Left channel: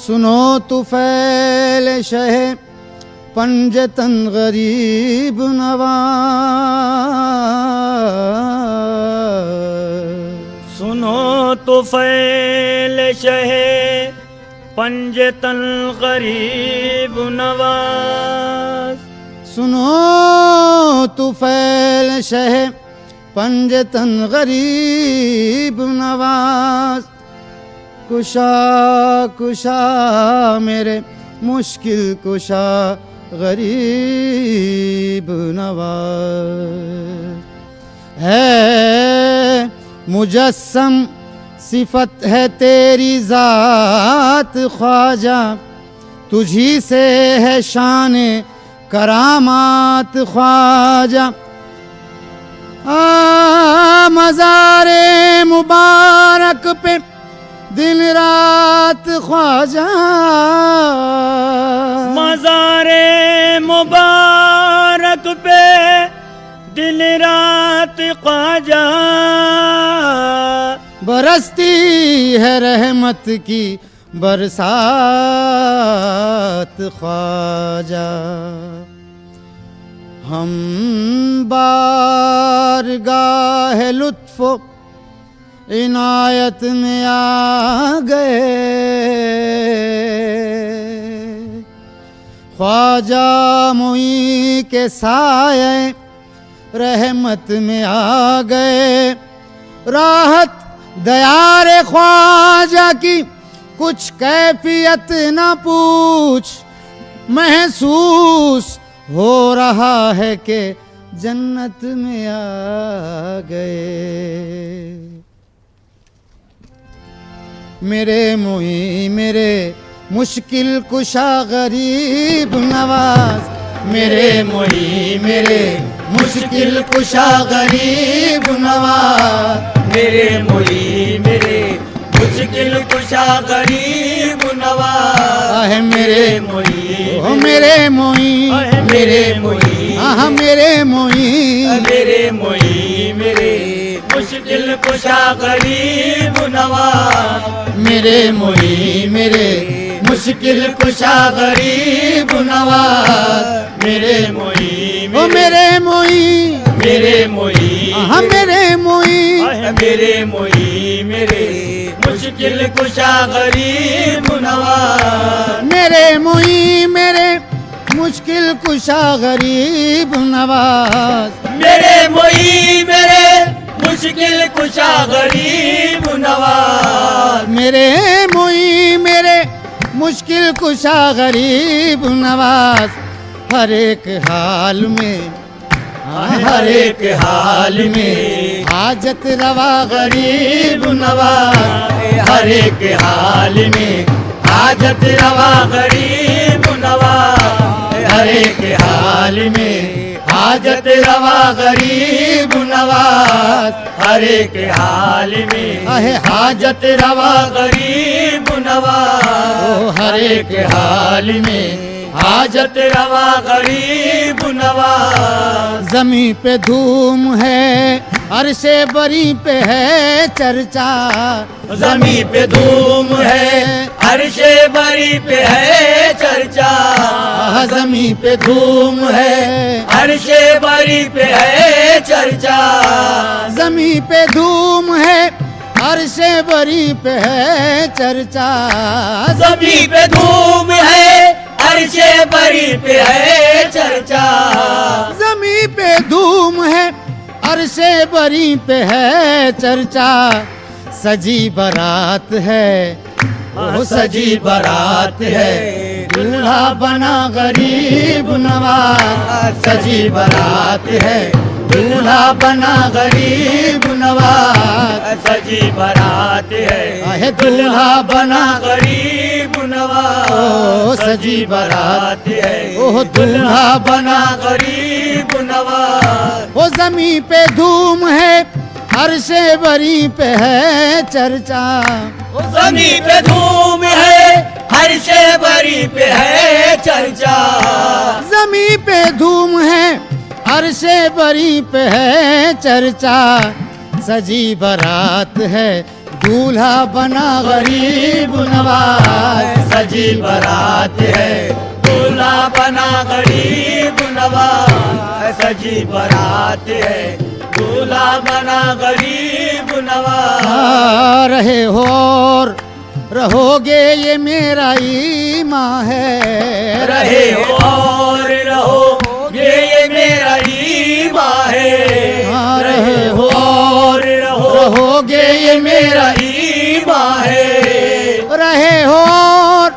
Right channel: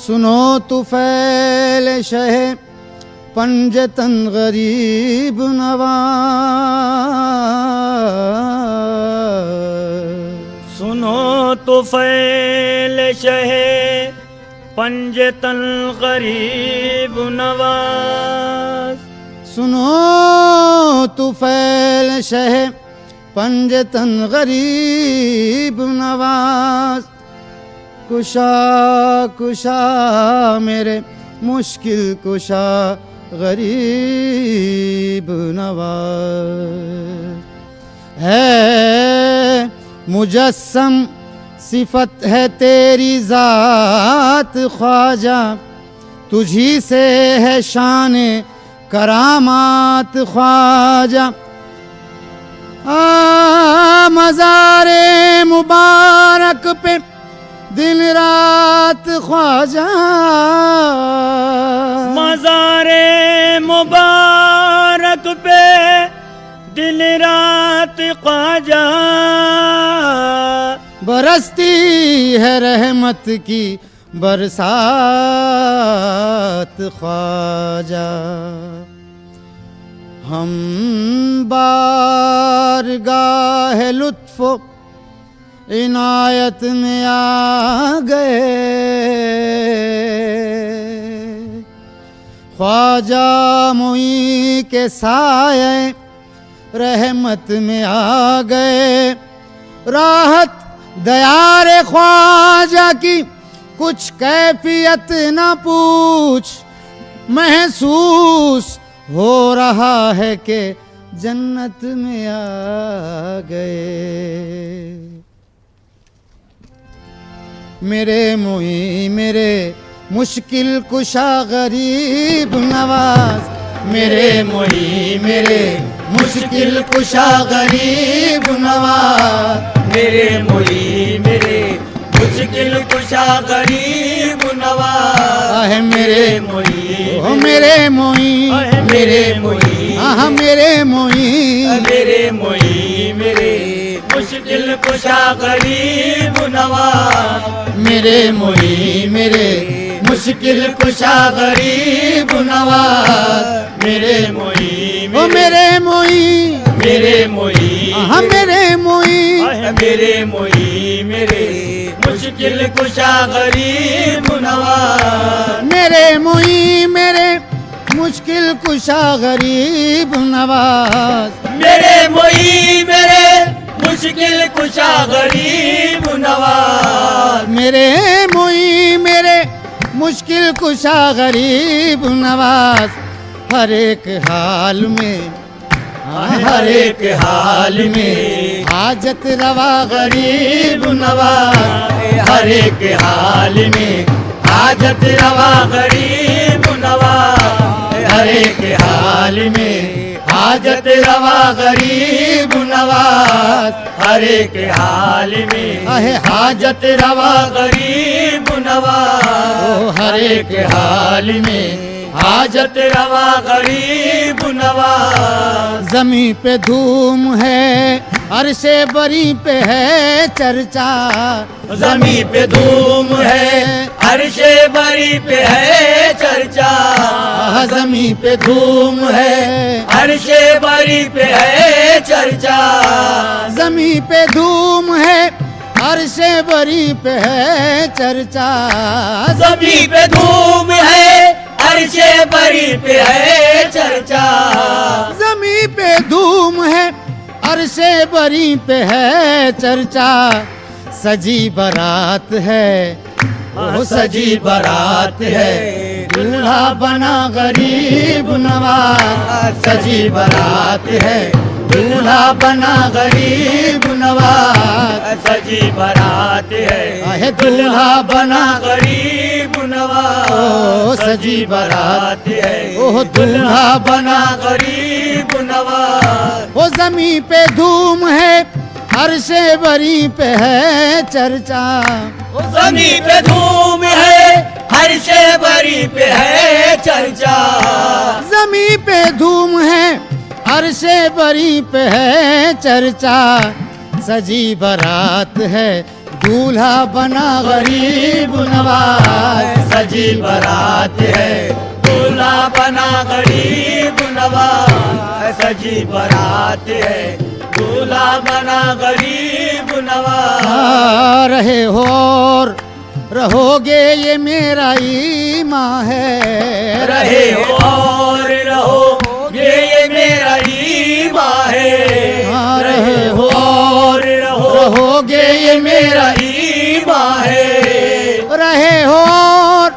सुनो तुफैल शह पंजतन गरीब नवाज। सुनो तुफैल शह पंजतन गरीब नवाज। सुनो तुफैल शह पंजतन गरीब नवाज। कुशा कुशा मेरे मुश्किल कुशा गरीब नवाज। है मुजस्सम सिफत है तेरी ज़ात ख्वाजा, तुझी से है शान करामात ख्वाजा। मज़ारे मुबारक पे दिन रात ख्वाजा, मज़ारे मुबारक पे दिन रात ख्वाजा। बरसती है रहमत की बरसात ख्वाजा। हम बारगाह लुत्फ़ो इनायत में आ गए, ख्वाजा मुई के साए रहमत में आ गए। राहत दयारे ख्वाजा की कुछ कैफियत न पूछ, महसूस हो रहा है कि जन्नत में आ गए। मेरे मुई मेरे मुश्किल कुशा गरीब नवाज। मेरे मुई मेरे मुश्किल कुशा गरीब नवाज। मेरे मुई मेरे मुश्किल कुशा गरीब नवाज। आहे मेरे मुई ओ मेरे मुई मेरे मुई आह मेरे मुई मेरे मुई मेरे मुश्किल कुशा गरीब नवाज। मेरे मुई मेरे मुश्किल कुशा गरीब नवाज। मेरे मुई ओ मेरे मुई मेरे मुई आह मेरे मुई मेरे मुई मेरे मुश्किल कुशा गरीब नवाज। मेरे मुई मेरे मुश्किल कुशा गरीब नवाज। मेरे मुई मेरे मुश्किल कुशा गरीब नवाज। मेरे मुई मेरे मुश्किल कुशा गरीब नवाज। हर एक हाल में हर एक हाल में हाजत रवा गरीब नवाज। हर एक हाल में हाजत रवा गरीब नवाज। हर एक हाल में हाजत रवा गरीब नवाज। हर एक हाल में आहे हाजत रवा गरीब नवाज। ओ हर एक हाल में हाजत रवा गरीब नवाज। जमी पे धूम है अरशे बरी पे है चर्चा। जमी पे धूम है अरशे बरी पे है चर्चा। जमी पे धूम है अरशे बरी पे है चर्चा। जमी पे धूम है अरशे बरी पे है चर्चा। जमी पे धूम है अरशे बरी पे है चर्चा। जमी पे धूम है अरशे बरी पे है चर्चा। सजी बारात है ओ सजी बारात है, दूल्हा बना गरीब नवाज। सजी बारात है दूल्हा बना गरीब नवाज। सजी बारात है आहे दूल्हा बना गरीब नवाज। ओ सजी बारात है ओह दूल्हा बना गरीब नवाज। ओ जमी पे धूम है अरशे बरी पे है चर्चा। जमी पे धूम है अरशे बरी पे है चर्चा। जमी पे धूम है अरशे बरी पे है चर्चा, सजी बारात है दूल्हा बना गरीब नवाज। सजी बारात है दूल्हा बना गरीब नवाज। सजी बारात है दूल्हा बना गरीब नवाज। रहे हो और रहोगे ये मेरा ईमान है। रहे हो और रहोगे ये मेरा ईमान है। हाँ, रहे हो और रहोगे ये मेरा ईमान है। रहे हो और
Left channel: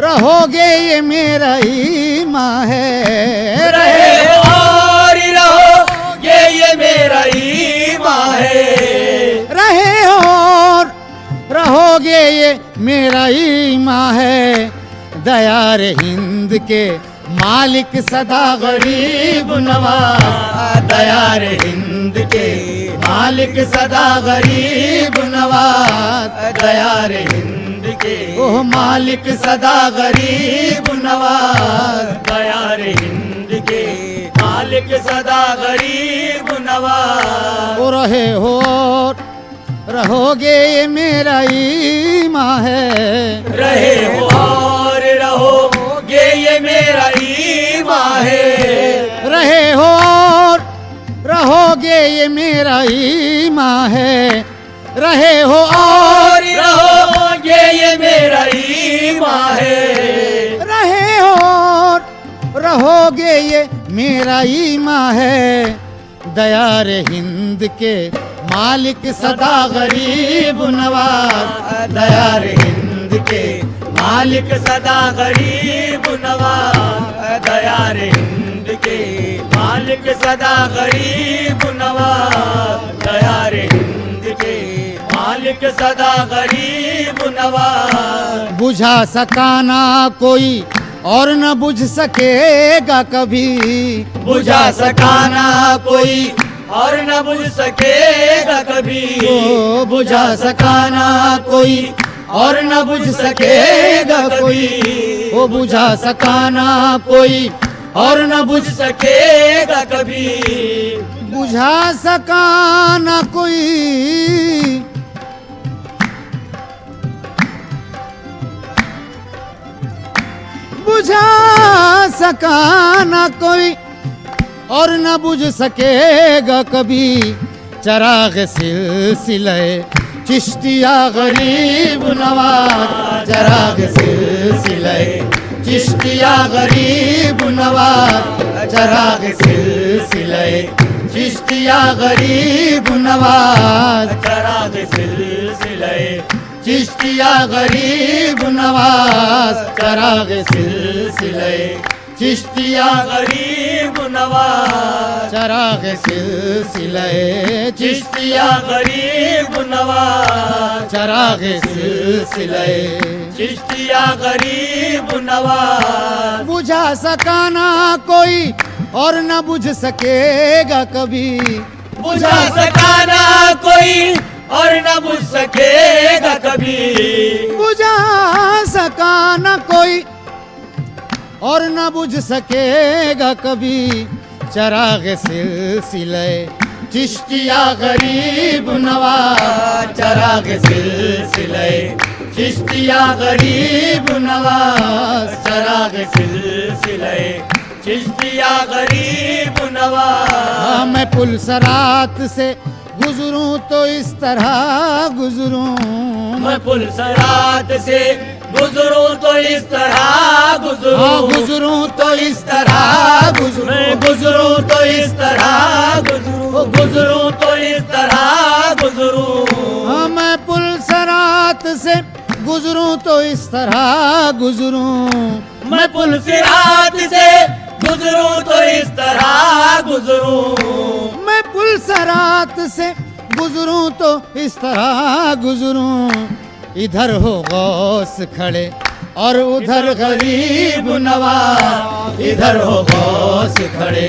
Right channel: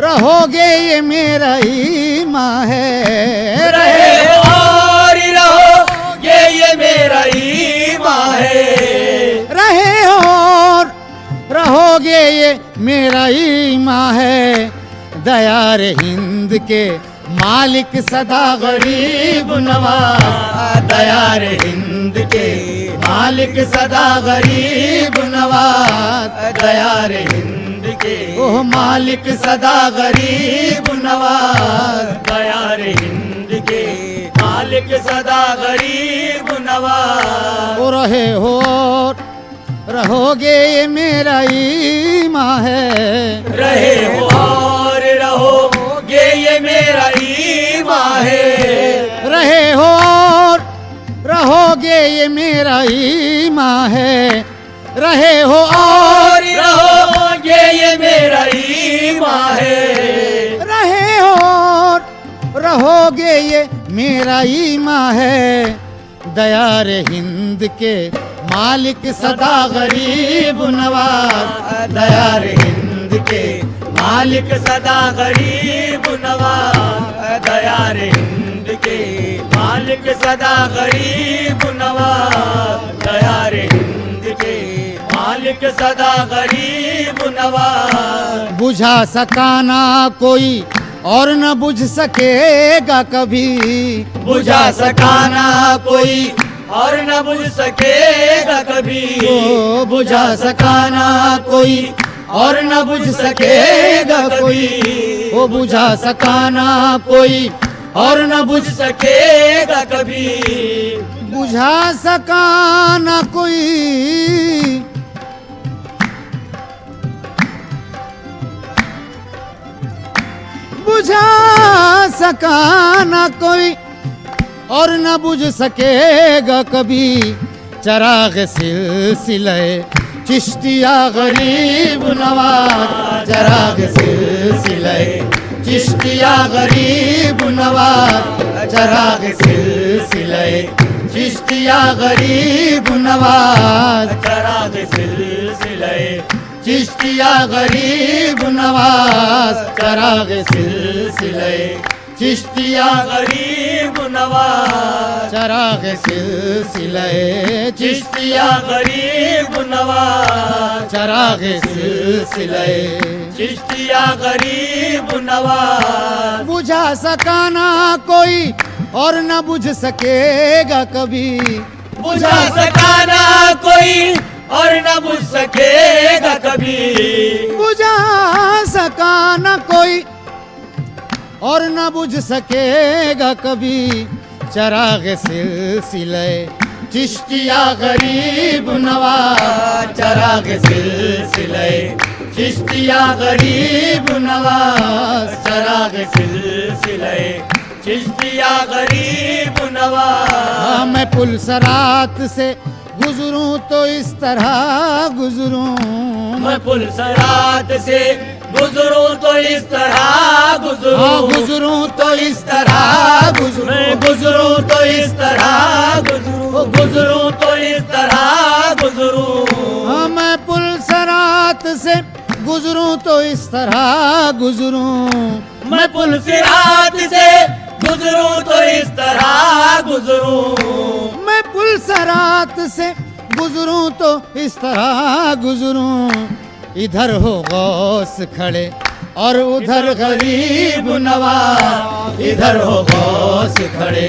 रहोगे ये मेरा ईमान है। रहे हो और रहोगे ये मेरा ईमान है। रहे हो और रहोगे ये मेरा ईमान है। दयार हिंद के मालिक सदा गरीब नवाज। दयार हिंद के मालिक सदा गरीब नवाज। दयार हिंद के ओह मालिक सदा गरीब नवाज। दयार हिंद के मालिक सदा गरीब नवाज। ओ रहे हो और रहोगे ये मेरा ईमान है। रहे हो और रहोगे ये मेरा ईमान है। रहे हो और रहोगे ये मेरा ईमान है। रहे हो और रहोगे ये मेरा ईमान है। रहे हो और रहोगे ये मेरा ईमान है। दयार हिंद के मालिक सदा गरीब नवाज। दयार हिंद के मालिक सदा गरीब नवाज। दयार हिंद के मालिक सदा गरीब नवाज। दयार हिंद के मालिक सदा गरीब नवाज। बुझा सका ना कोई और न बुझ सकेगा कभी। बुझा सकाना कोई और न बुझ सकेगा कभी। ओ बुझा सकाना कोई और न बुझ सकेगा कोई। ओ बुझा सकाना कोई और न बुझ सकेगा कभी। बुझा सका न कोई बुझा सका न कोई और न बुझ सकेगा कभी। चराग सिलसिले चिश्तिया गरीब नवाज। चराग सिलसिले चिश्तिया गरीब नवाज। चराग सिलसिले चिश्तिया गरीब नवाज। चराग सिलसिले चिश्तिया गरीब नवाज। चराग सिलसिले चिश्तिया गरीब नवाज। चराग सिलसिले चिश्तिया गरीब नवाज। चराग सिलसिले चिश्तिया गरीब नवाज। बुझा सका ना कोई और न बुझ सकेगा कभी। बुझा सकाना कोई और न बुझ सकेगा कभी। बुझा सका न कोई और न बुझ सकेगा कभी। चराग सिलसिले चिश्तिया गरीब नवाज। चराग सिलसिले चिश्तिया गरीब नवाज। चराग सिलसिले चिश्तिया गरीब नवाज। मैं पुलसरात से गुजरूं तो इस तरह गुजरूं। मैं पुलसरात से गुजरूं तो इस तरह हाँ गुजरूं। गुजरूं तो इस तरह गुजरूं। मैं गुजरूं तो इस तरह गुजरूं। गुजरूं तो इस तरह गुजरूं। हाँ मैं पुलसरात से गुजरूं तो इस तरह गुजरूं। मैं पुलसरात से गुजरूं तो इस तरह गुजरूं। मैं पुलसरात से गुजरूं तो इस तरह गुजरूं। इधर हो गौस खड़े और उधर गरीब नवाज। इधर हो गौस खड़े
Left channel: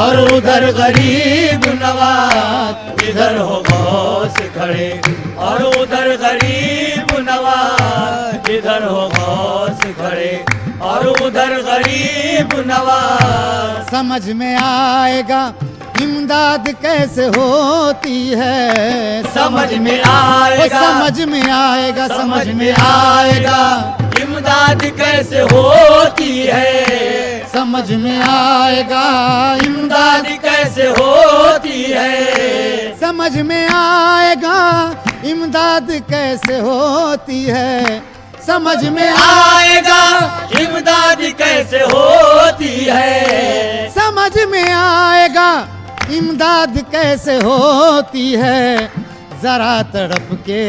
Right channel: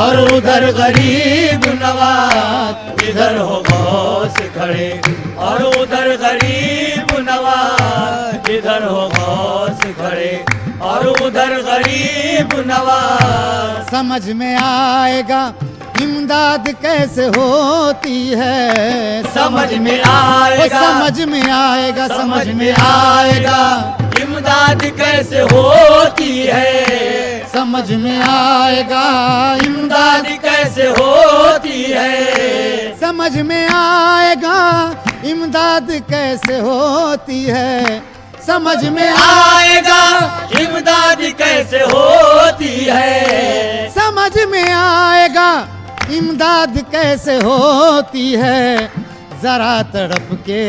और उधर गरीब नवाज। इधर हो गौस खड़े और उधर गरीब नवाज। इधर हो गौस खड़े और उधर गरीब नवाज। समझ में आएगा इमदाद कैसे होती है, समझ में आएगा, समझ में आएगा, समझ में आएगा इमदाद कैसे होती है, समझ में आएगा इमदाद कैसे होती है, समझ में आएगा इमदाद कैसे होती है, समझ में आएगा इमदाद कैसे होती है, समझ में आएगा इमदाद कैसे होती है। जरा तड़प के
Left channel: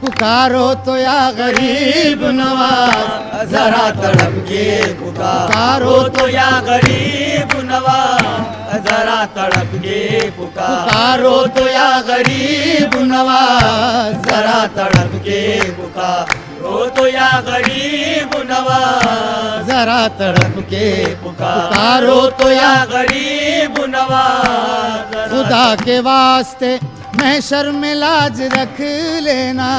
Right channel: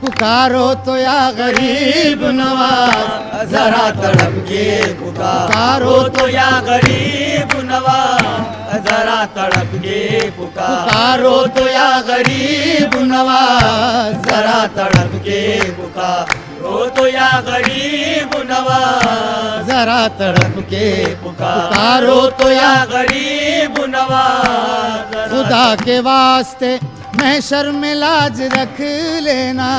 पुकारो तो या गरीब नवाज, जरा तड़प के पुकारो तो या गरीब नवाज, जरा तड़प के पुकारो तो या गरीब नवाज, जरा तड़प के पुकारो तो या गरीब नवाज, जरा तड़प के पुकारो तो या गरीब नवाज। खुदा के वास्ते महशर में लाज रख लेना,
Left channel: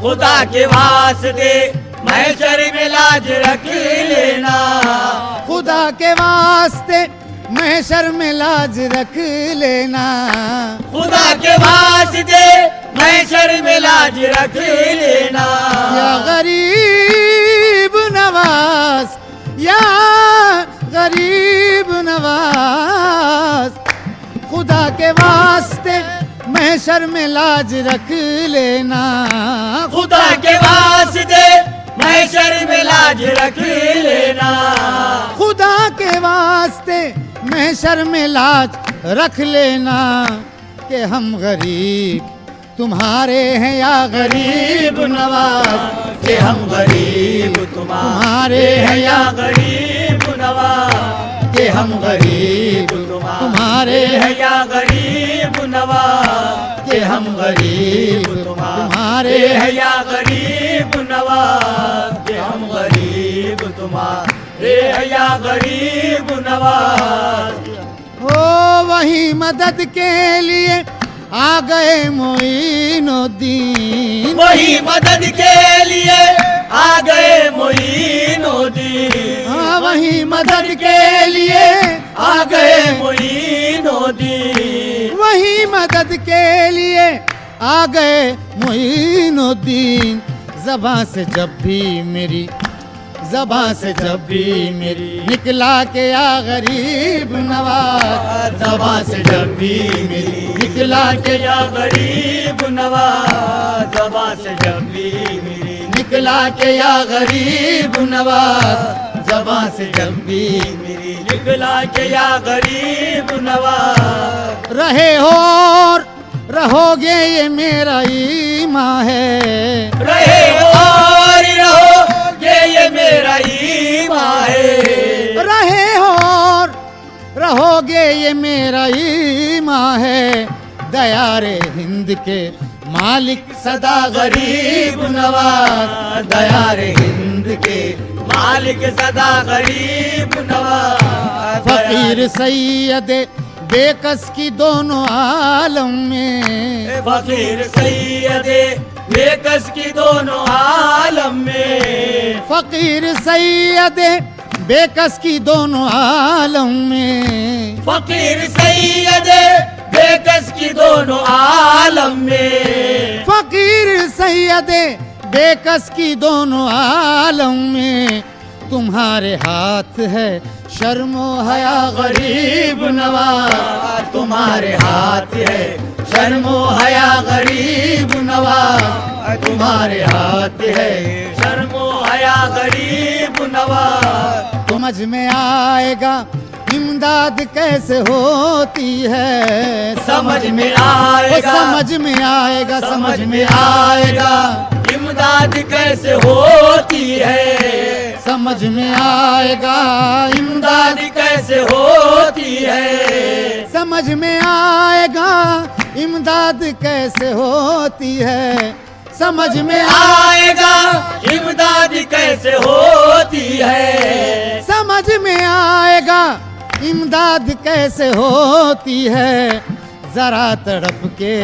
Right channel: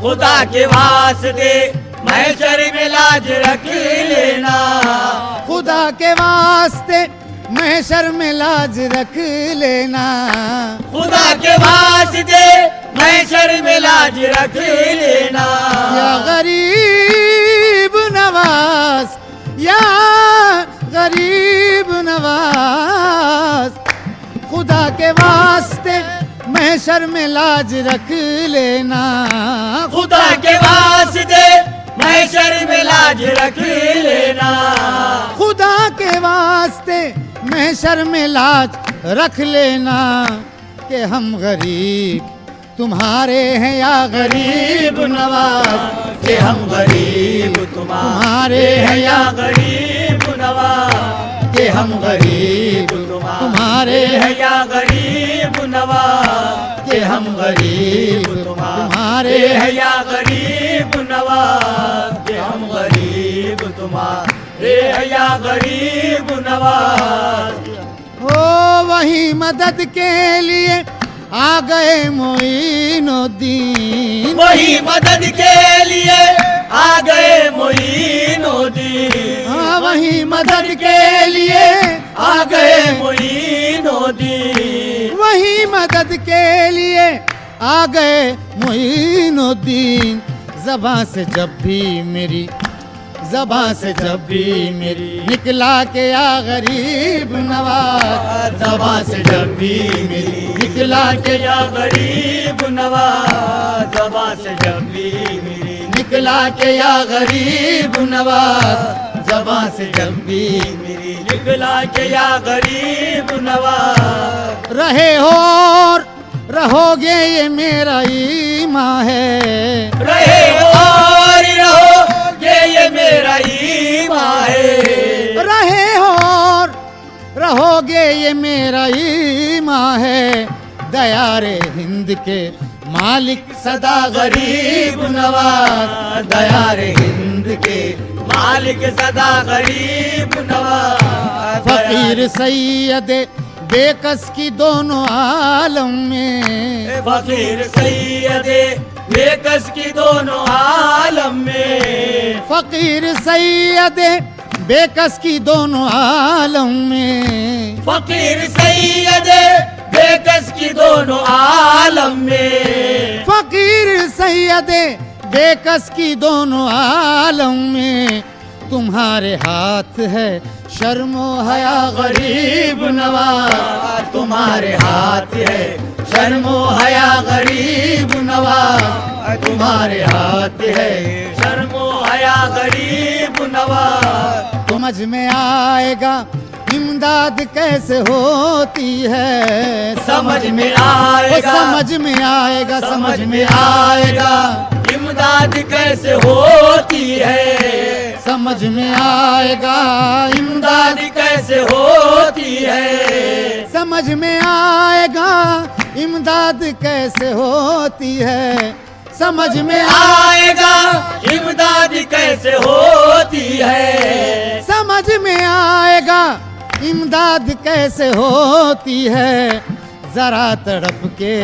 खुदा के वास्ते महशर में लाज रख लेना, खुदा के वास्ते महशर में लाज रख लेना, खुदा के वास्ते महशर में लाज रख लेना। या गरीब नवाज, या गरीब नवाज, खुदा के वास्ते महशर में लाज रख लेना, खुदा के वास्ते महशर में लाज रख लेना, खुदा के वास्ते महशर में लाज रख लेना। कि हम गरीब तुम्हारे हैं या गरीब नवाज, कि हम गरीब तुम्हारे हैं या गरीब नवाज, कि हम गरीब तुम्हारे हैं या गरीब नवाज, कि हम गरीब तुम्हारे हैं या गरीब नवाज, कि हम गरीब तुम्हारे हैं या गरीब नवाज। ओ वही मदद के लिए आ गए मोइनुद्दीन, वही मदद के लिए आ गए मोइनुद्दीन, हाँ वही मदद के लिए आ गए मोइनुद्दीन, वही मदद के लिए आ गए मोइनुद्दीन। ज़बां से जब भी मेरी, ज़बां से जब भी मेरी निकला के या गरीब नवाज, ज़बां से जब भी मेरी निकला के या गरीब नवाज, ज़बां से जब भी मेरी निकला के या गरीब नवाज, ज़बां से जब भी मेरी निकला के या गरीब नवाज। रहे हो और रहोगे ये मेरा ईमान है, रहे और रहोगे ये मेरा ईमान है, रहे हो और रहोगे ये मेरा ईमान है। दयारे हिंद के मालिक सदा गरीब नवाज, दयारे हिंद के मालिक सदा गरीब नवाज। फकीर सैयद बेकस की दोनों आलम में, फकीर सैयद बेकस की दोनों आलम में, फकीर सैयद बेकस की दोनों आलम में, फकीर सैयद बेकस की दोनों आलम में, फकीर सैयद बेकस की दोनों आलम में। तुम्हारे हाथ है शर्मो हया गरीब नवाज, तुम्हारे हाथ है शर्मो हया गरीब नवाज, तुम्हारे हाथ है शर्मो हया गरीब नवाज। समझ में आएगा इमदाद कैसे होती है, समझ में आएगा, समझ में आएगा, समझ में आएगा इमदाद कैसे होती है, समझ में आएगा इमदाद कैसे होती है, समझ में आएगा इमदाद कैसे होती है, समझ में आएगा इमदाद कैसे होती है, समझ में आएगा इमदाद कैसे होती है। जरा तड़प के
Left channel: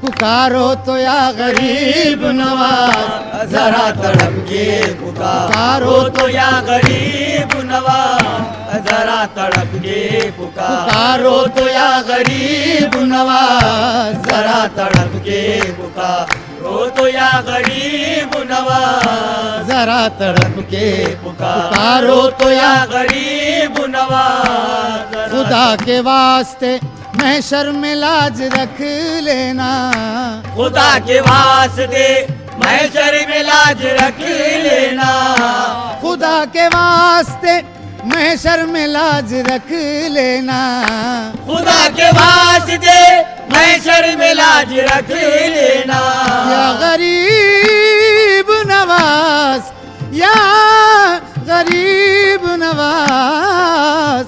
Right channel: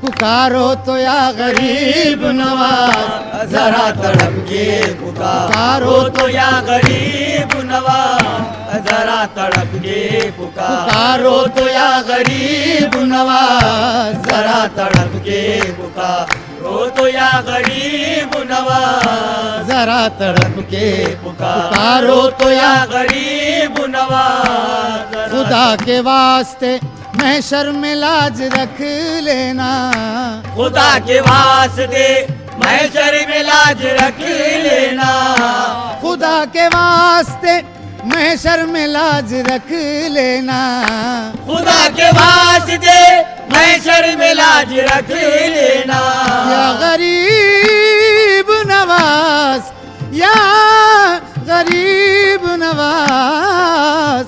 पुकारो तो या गरीब नवाज, जरा तड़प के पुकारो तो या गरीब नवाज, जरा तड़प के पुकारो तो या गरीब नवाज, जरा तड़प के पुकारो तो या गरीब नवाज, जरा तड़प के पुकारो तो या गरीब नवाज। खुदा के वास्ते महशर में लाज रख लेना, खुदा के वास्ते महशर में लाज रख लेना, खुदा के वास्ते महशर में लाज रख लेना, खुदा के वास्ते महशर में लाज रख लेना। या गरीब नवाज, या गरीब नवाज,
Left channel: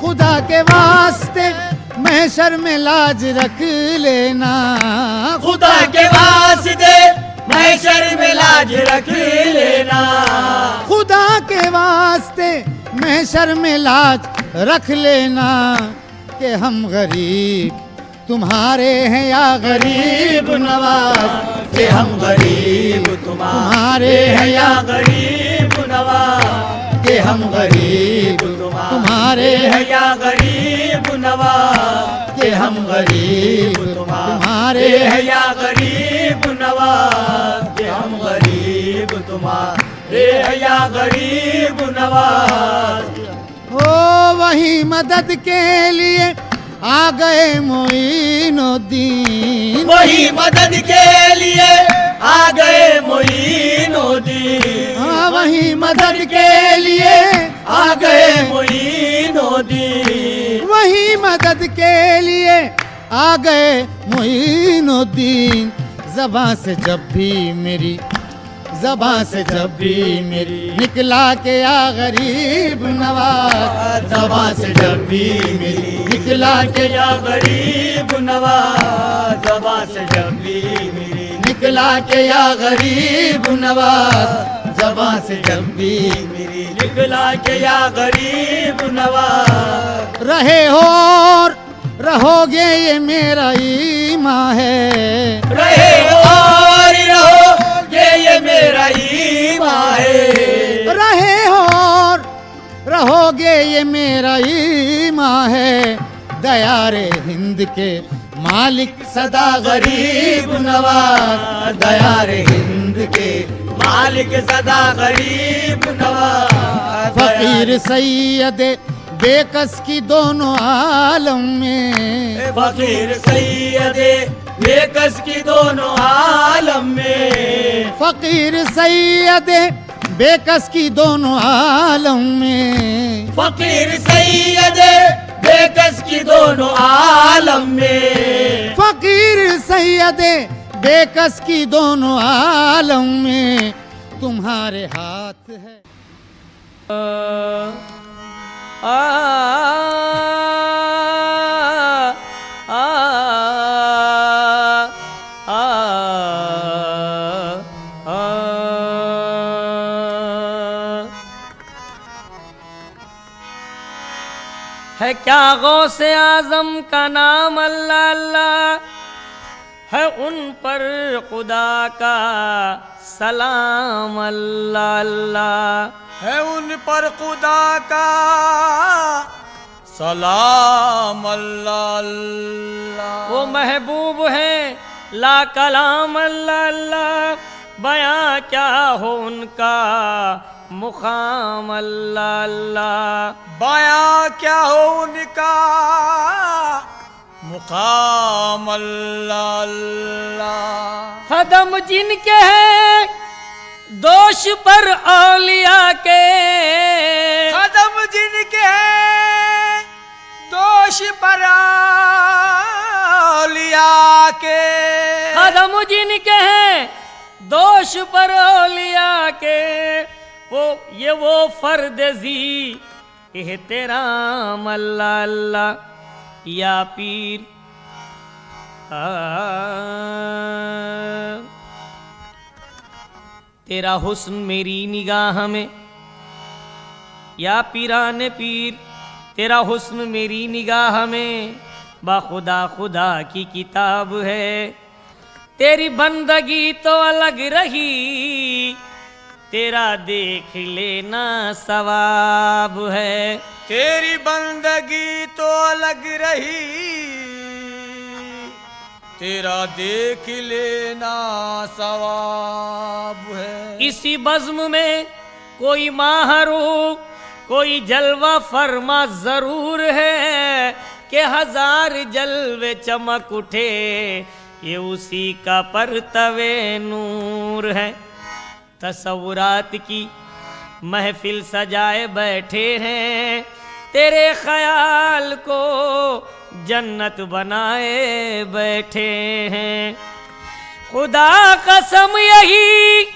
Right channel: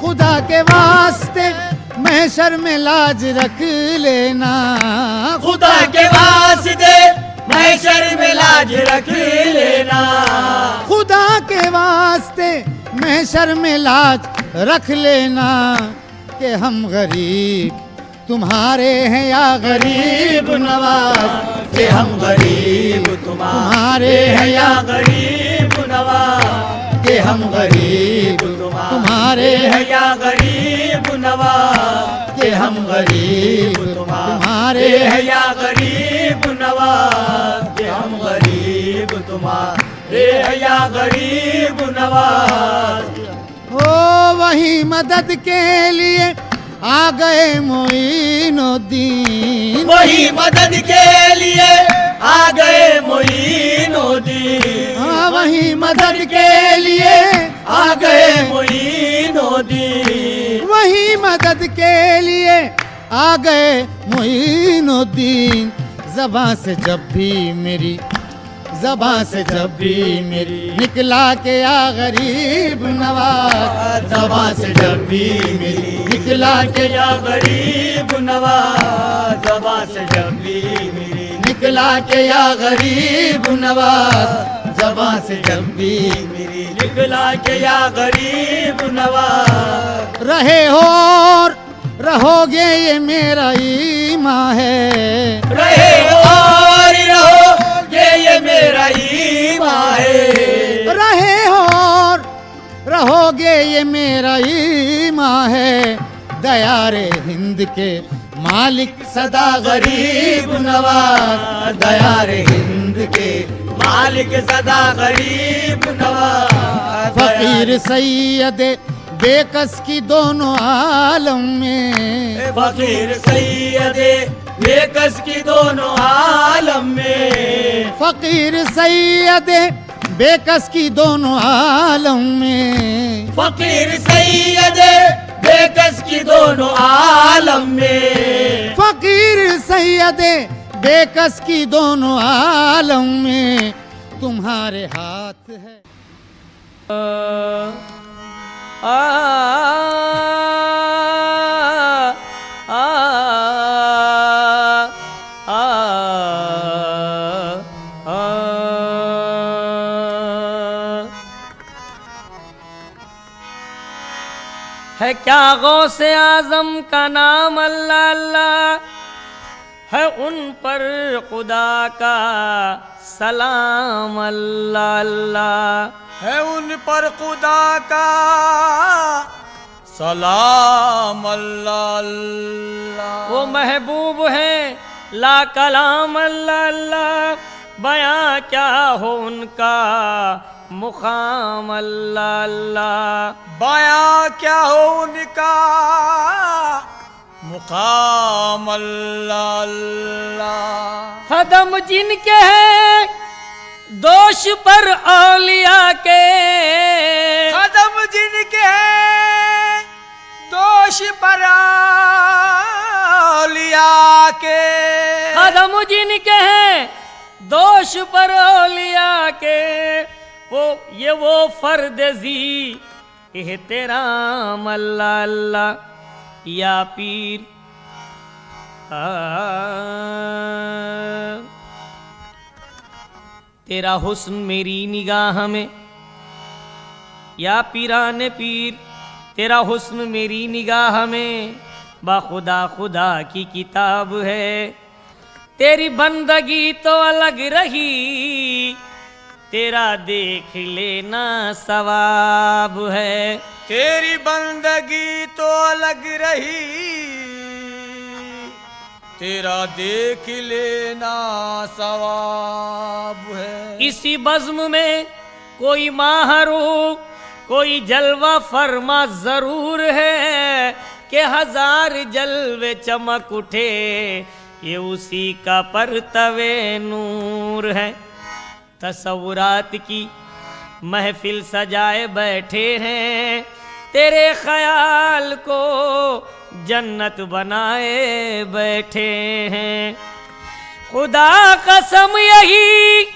खुदा के वास्ते महशर में लाज रख लेना, खुदा के वास्ते महशर में लाज रख लेना, खुदा के वास्ते महशर में लाज रख लेना। कि हम गरीब तुम्हारे हैं या गरीब नवाज, कि हम गरीब तुम्हारे हैं या गरीब नवाज, कि हम गरीब तुम्हारे हैं या गरीब नवाज, कि हम गरीब तुम्हारे हैं या गरीब नवाज, कि हम गरीब तुम्हारे हैं या गरीब नवाज। ओ वही मदद के लिए आ गए मोइनुद्दीन, वही मदद के लिए आ गए मोइनुद्दीन, हाँ वही मदद के लिए आ गए मोइनुद्दीन, वही मदद के लिए आ गए मोइनुद्दीन। ज़बां से जब भी मेरी, ज़बां से जब भी मेरी निकला के या गरीब नवाज, ज़बां से जब भी मेरी निकला के या गरीब नवाज, ज़बां से जब भी मेरी निकला के या गरीब नवाज, ज़बां से जब भी मेरी निकला के या गरीब नवाज। रहे हो और रहोगे ये मेरा ईमान है, रहे और रहोगे ये मेरा ईमान है, रहे हो और रहोगे ये मेरा ईमान है। दयारे हिंद के मालिक सदा गरीब नवाज, दयारे हिंद के मालिक सदा गरीब नवाज। फकीर सैयद बेकस की दोनों आलम में, फकीर सैयद बेकस की दोनों आलम में, फकीर सैयद बेकस की दोनों आलम में, फकीर सैयद बेकस की दोनों आलम में, फकीर सैयद बेकस की दोनों आलम में तुम्हारे हाथ है। आ आ आ आ है क्या गौसे आजम का नाम अल्लाह अल्लाह, है उन पर खुदा का सलाम अल्लाह अल्लाह, है उन पर खुदा का सलाम अल्लाह अल्लाह। वो महबूब है ला कलाम अल्लाह अल्लाह, बयां क्या हो उनका मुकाम अल्लाह अल्लाह, बयां क्या हो उनका मुकाम अल्लाह अल्लाह। कदम जिनके हैं दोष पर औलिया के, कदम जिनके हैं दोष पर औलिया के, कदम जिनके हैं दोष पर औलिया के, वो फर्द जी एहतराम अल्लाह अल्लाह। या पीर तेरा हुस्न मेरी निगाह में, या पीरान पीर तेरा हुस्न मेरी निगाह में, बाखुदा खुदा की किताब है। तेरी बंदगी तो अलग रही, तेरा देख लेना सवाब है। तेरी बंदगी तो अलग रही, तेरा देख लेना सवाब है। इसी बज़्म में कोई माहरू, कोई जलवा फरमा जरूर है कि हजार जलवे चमक उठे, ये उसी का परतवे नूर है। तसव्वुरात की महफिल सजाए बैठे हैं, तेरे ख्याल को जन्नत बनाए बैठे हैं। खुदा कसम यही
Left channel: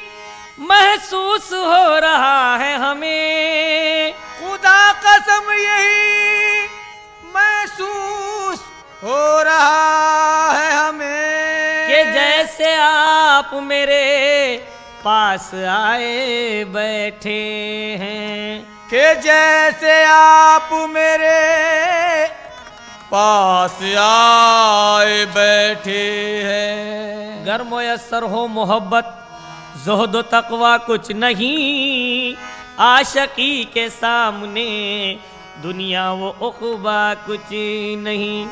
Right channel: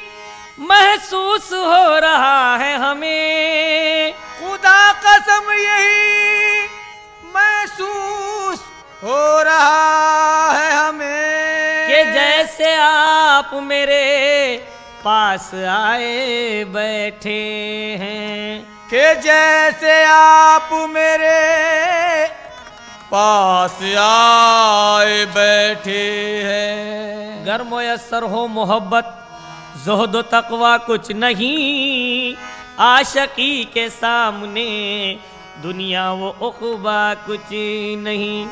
महसूस हो रहा है हमें, खुदा कसम यही महसूस हो रहा है हमें, कि जैसे आप मेरे पास आए बैठे हैं। कि जैसे आप मेरे पास आए बैठे हैं। गर मुयस्सर हो मोहब्बत ज़ुहद व तक़वा कुछ नहीं, आशिकी के सामने दुनिया वो उक़बा कुछ नहीं।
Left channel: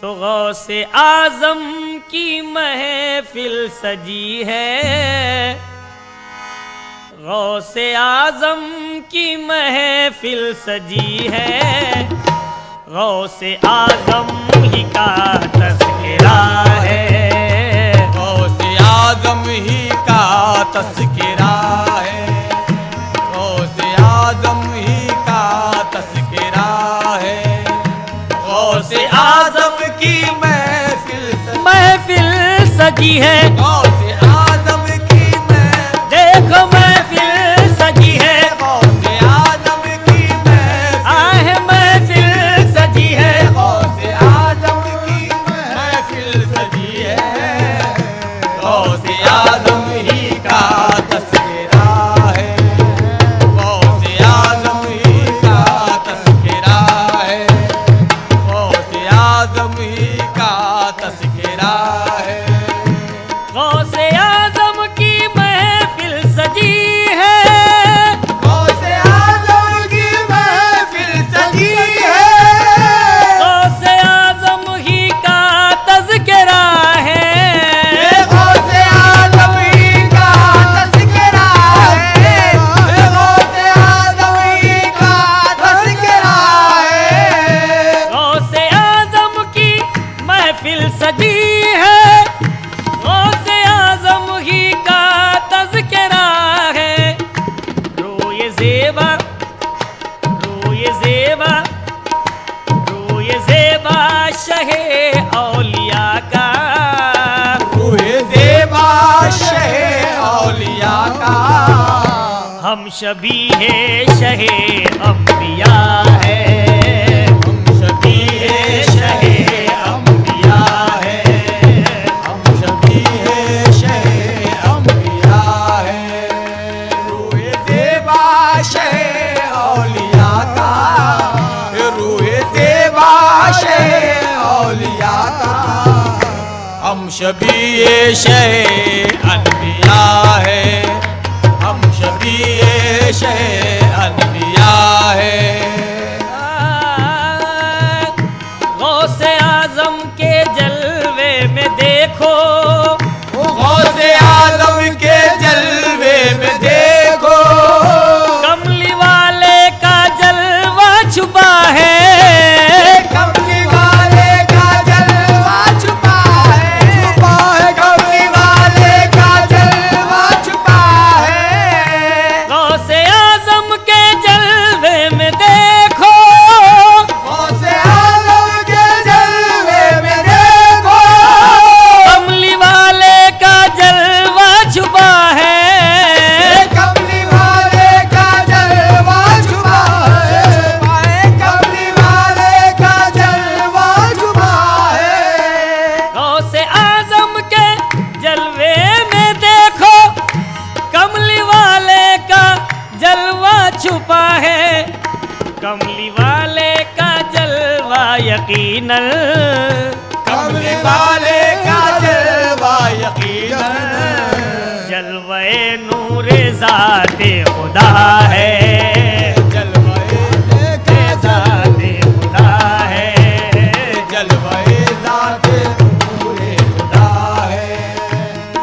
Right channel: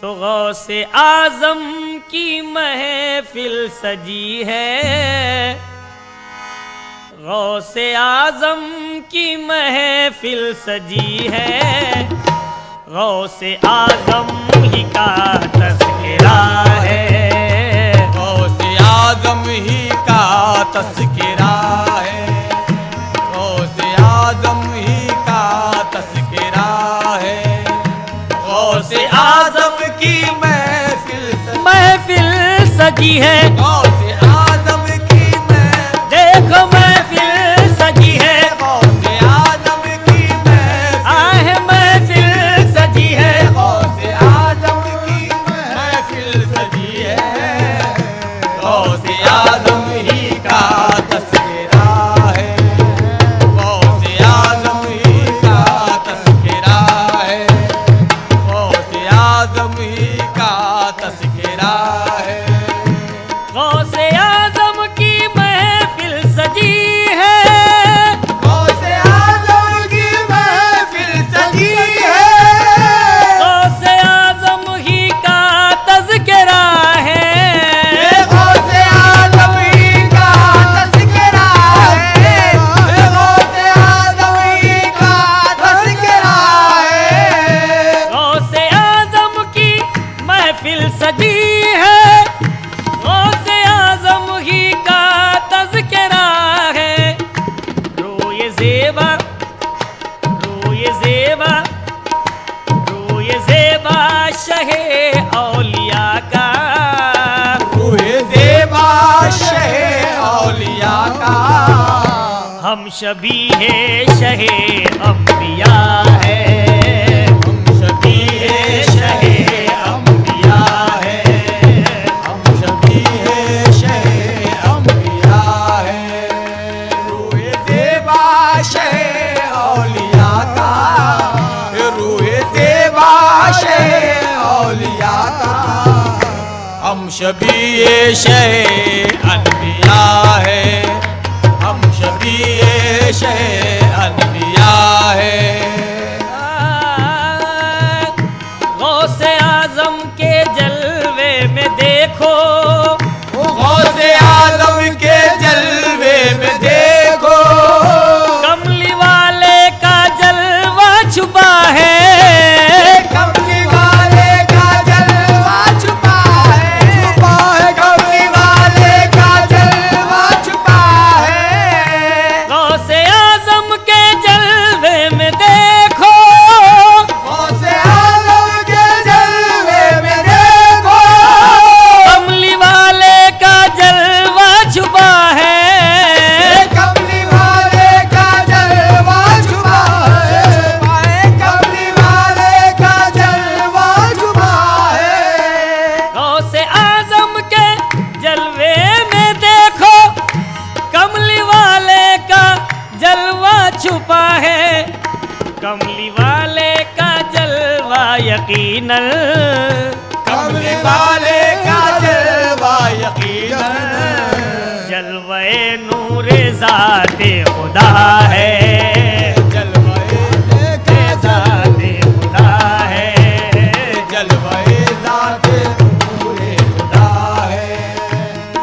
तो गौसे आज़म की महफिल सजी है, गौसे आज़म की महफिल सजी है, गौसे आज़म ही का तज़किरा है, गौसे आज़म ही का तज़किरा है, गौसे आज़म ही का तज़किरा है। गौसे आज़म की महफिल सजी है, गौसे आज़म की देखो महफिल सजी है, गौसे आज़म की आहे महफिल सजी है, गौसे आज़म की महफिल सजी है। गौसे आज़म ही का तज़किरा है, गौसे आज़म ही का तज़किरा है, गौसे आज़म ही का तज़किरा है। गौसे आज़म की महफिल सजी है, गौसे आज़म की महफिल सजी है, गौसे आज़म ही का तज़किरा है, गौसे आज़म ही का तज़किरा है, गौसे आज़म ही का तज़किरा है। गौसे आज़म की महफिल सजी है, गौसे आज़म ही का तज़किरा है। रोए ज़ेबा, रोए ज़ेबा, रोए ज़ेबा शहे औलिया का, रूहे ज़ेबा शहे औलिया का, हम शबीहे शहे अंबिया है, हम शबीहे शहे अंबिया है, हम शबीहे शहे अंबिया है। रूहे ज़ेबा शहे औलिया का, रूहे ज़ेबा शहे औलिया का, हम शबीहे शहे अंबिया है, हम शबीहे शहे अंबिया है। गौसे आज़म के जलवे में देखो, गौसे आज़म के जलवे में देखो, कमली वाले का जलवा छुपा है, कमली वाले का जलवा छुपा है, कमली वाले का जलवा छुपा है। गौसे आज़म के जलवे में देखो, गौसे आज़म के जलवे में देखो, कमली वाले का जलवा छुपा है, कमली वाले का जलवा छुपा है, कमली वाले का जलवा छुपा है। गौसे आज़म के जलवे में देखो, कमली वाले का जलवा छुपा है, कमली वाले का जलवा यकीनन, कमली वाले का जलवा यकीनन, जलवे नूरे ज़ाते खुदा है, जलवे ज़ाते खुदा है, जलवे ज़ाते नूरे खुदा है।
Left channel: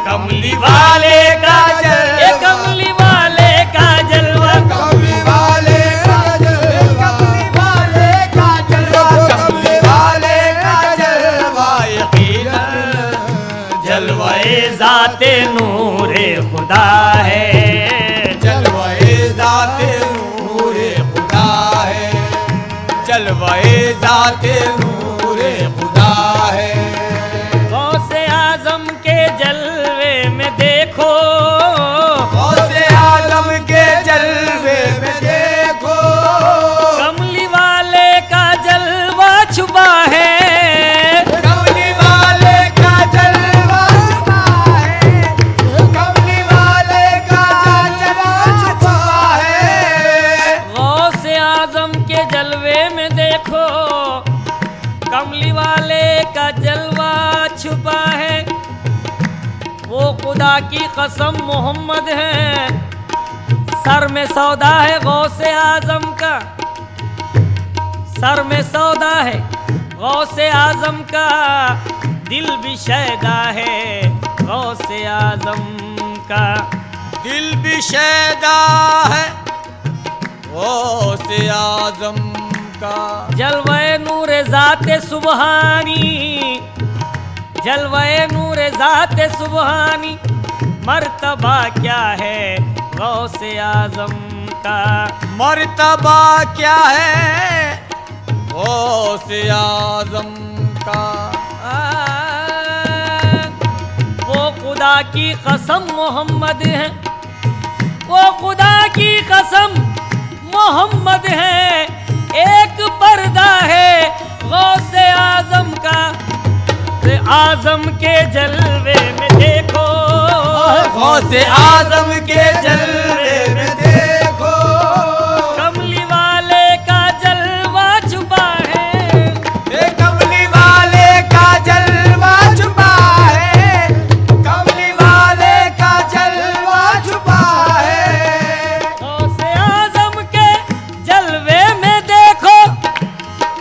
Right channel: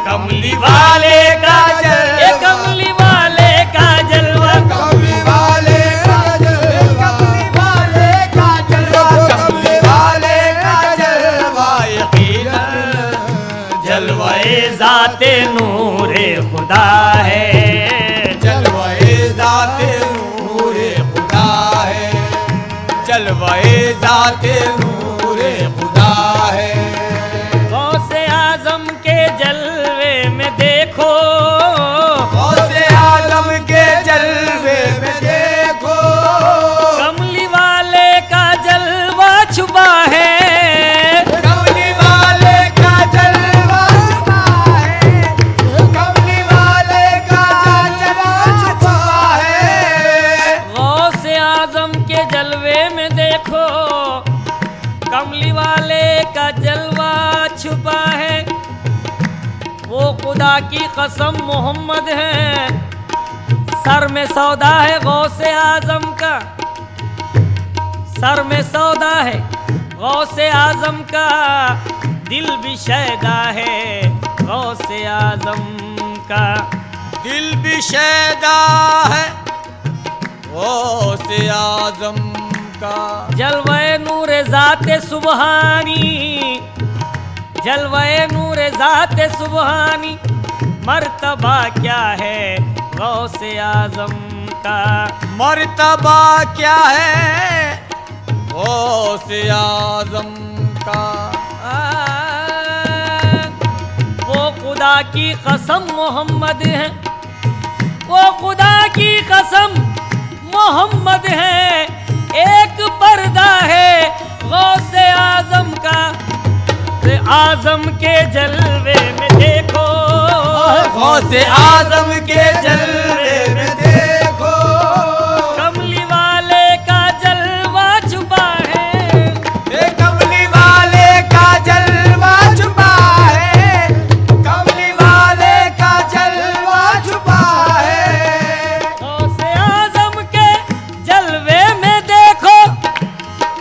कमली वाले का जलवा, कमली वाले का जलवा, कमली वाले का जलवा, कमली वाले का जलवा, कमली वाले का जलवा यकीनन जलवे ज़ाते नूरे खुदा है, जलवे ज़ाते नूरे खुदा है, जलवे ज़ाते नूरे खुदा है। गौसे आज़म के जलवे में देखो, गौसे आज़म के जलवे में देखो, कमली वाले का जलवा छुपा है, कमली वाले का जलवा छुपा है, कमली वाले का जलवा छुपा है। गौसे आज़म के जलवे में देखो, कमली वाले का जलवा छुपा है। वो खुदा की कसम मोहम्मद है, सर में सौदा है गौसे आज़म का, सर में सौदा है गौसे आज़म का, दिल भी शैदा है गौसे आज़म का। दिल भी शैदा है गौसे आज़म का, जलवे नूरे ज़ाते सुबहानी, जलवे नूरे ज़ाते सुबहानी, मर्तबा क्या है गौसे आज़म का। मर्तबा क्या है गौसे आज़म का। वो खुदा की कसम मोहम्मद है, वो खुदा की कसम मोहम्मद है, एक पर्दा है गौसे आज़म का। आज़म के जलवे में देखो, गौसे आज़म के जलवे में देखो, कमली वाले का जलवा छुपा है, कमली वाले का जलवा छुपा है, कमली वाले का जलवा छुपा है। गौसे आज़म के जलवे में देखो,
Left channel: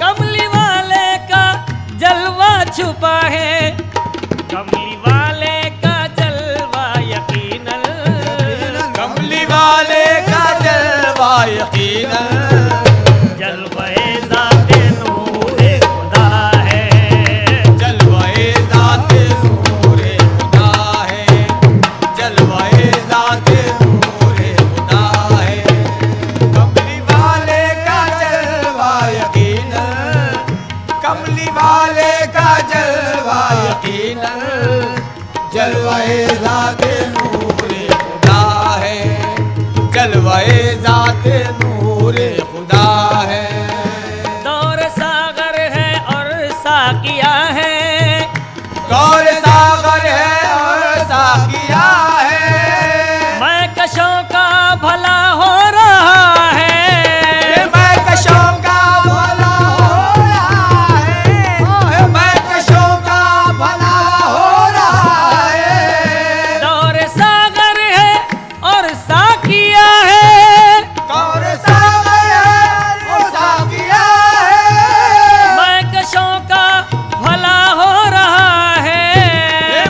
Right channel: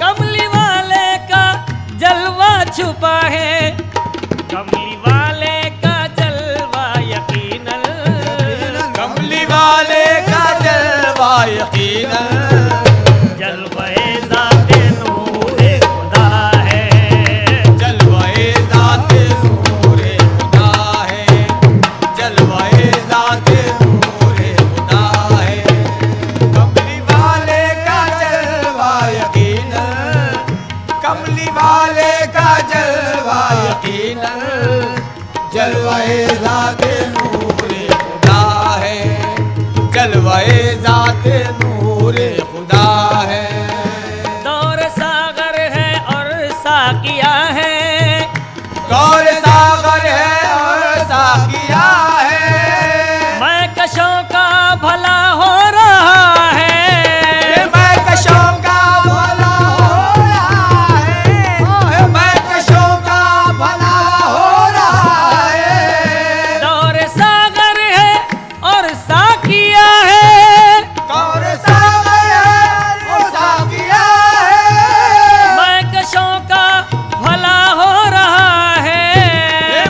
कमली वाले का जलवा छुपा है, कमली वाले का जलवा यकीनन, कमली वाले का जलवा यकीनन, जलवे ज़ाते नूरे खुदा है, जलवे ज़ाते नूरे खुदा है, जलवे ज़ाते नूरे खुदा है। कमली वाले का जलवा यकीनन, कमली वाले का जलवा यकीनन, जलवे ज़ाते नूरे खुदा है, जलवे ज़ाते नूरे खुदा है। दौर सागर है और साकिया है, गौर सागर है और साकिया है, मैं कशों का भला हो रहा है, मैं कशों का भला हो रहा है, मैं कशों का भला हो रहा है। दौर सागर है और साकिया है, गौर सागर है और साकिया है, मैं कशों का भला हो रहा है,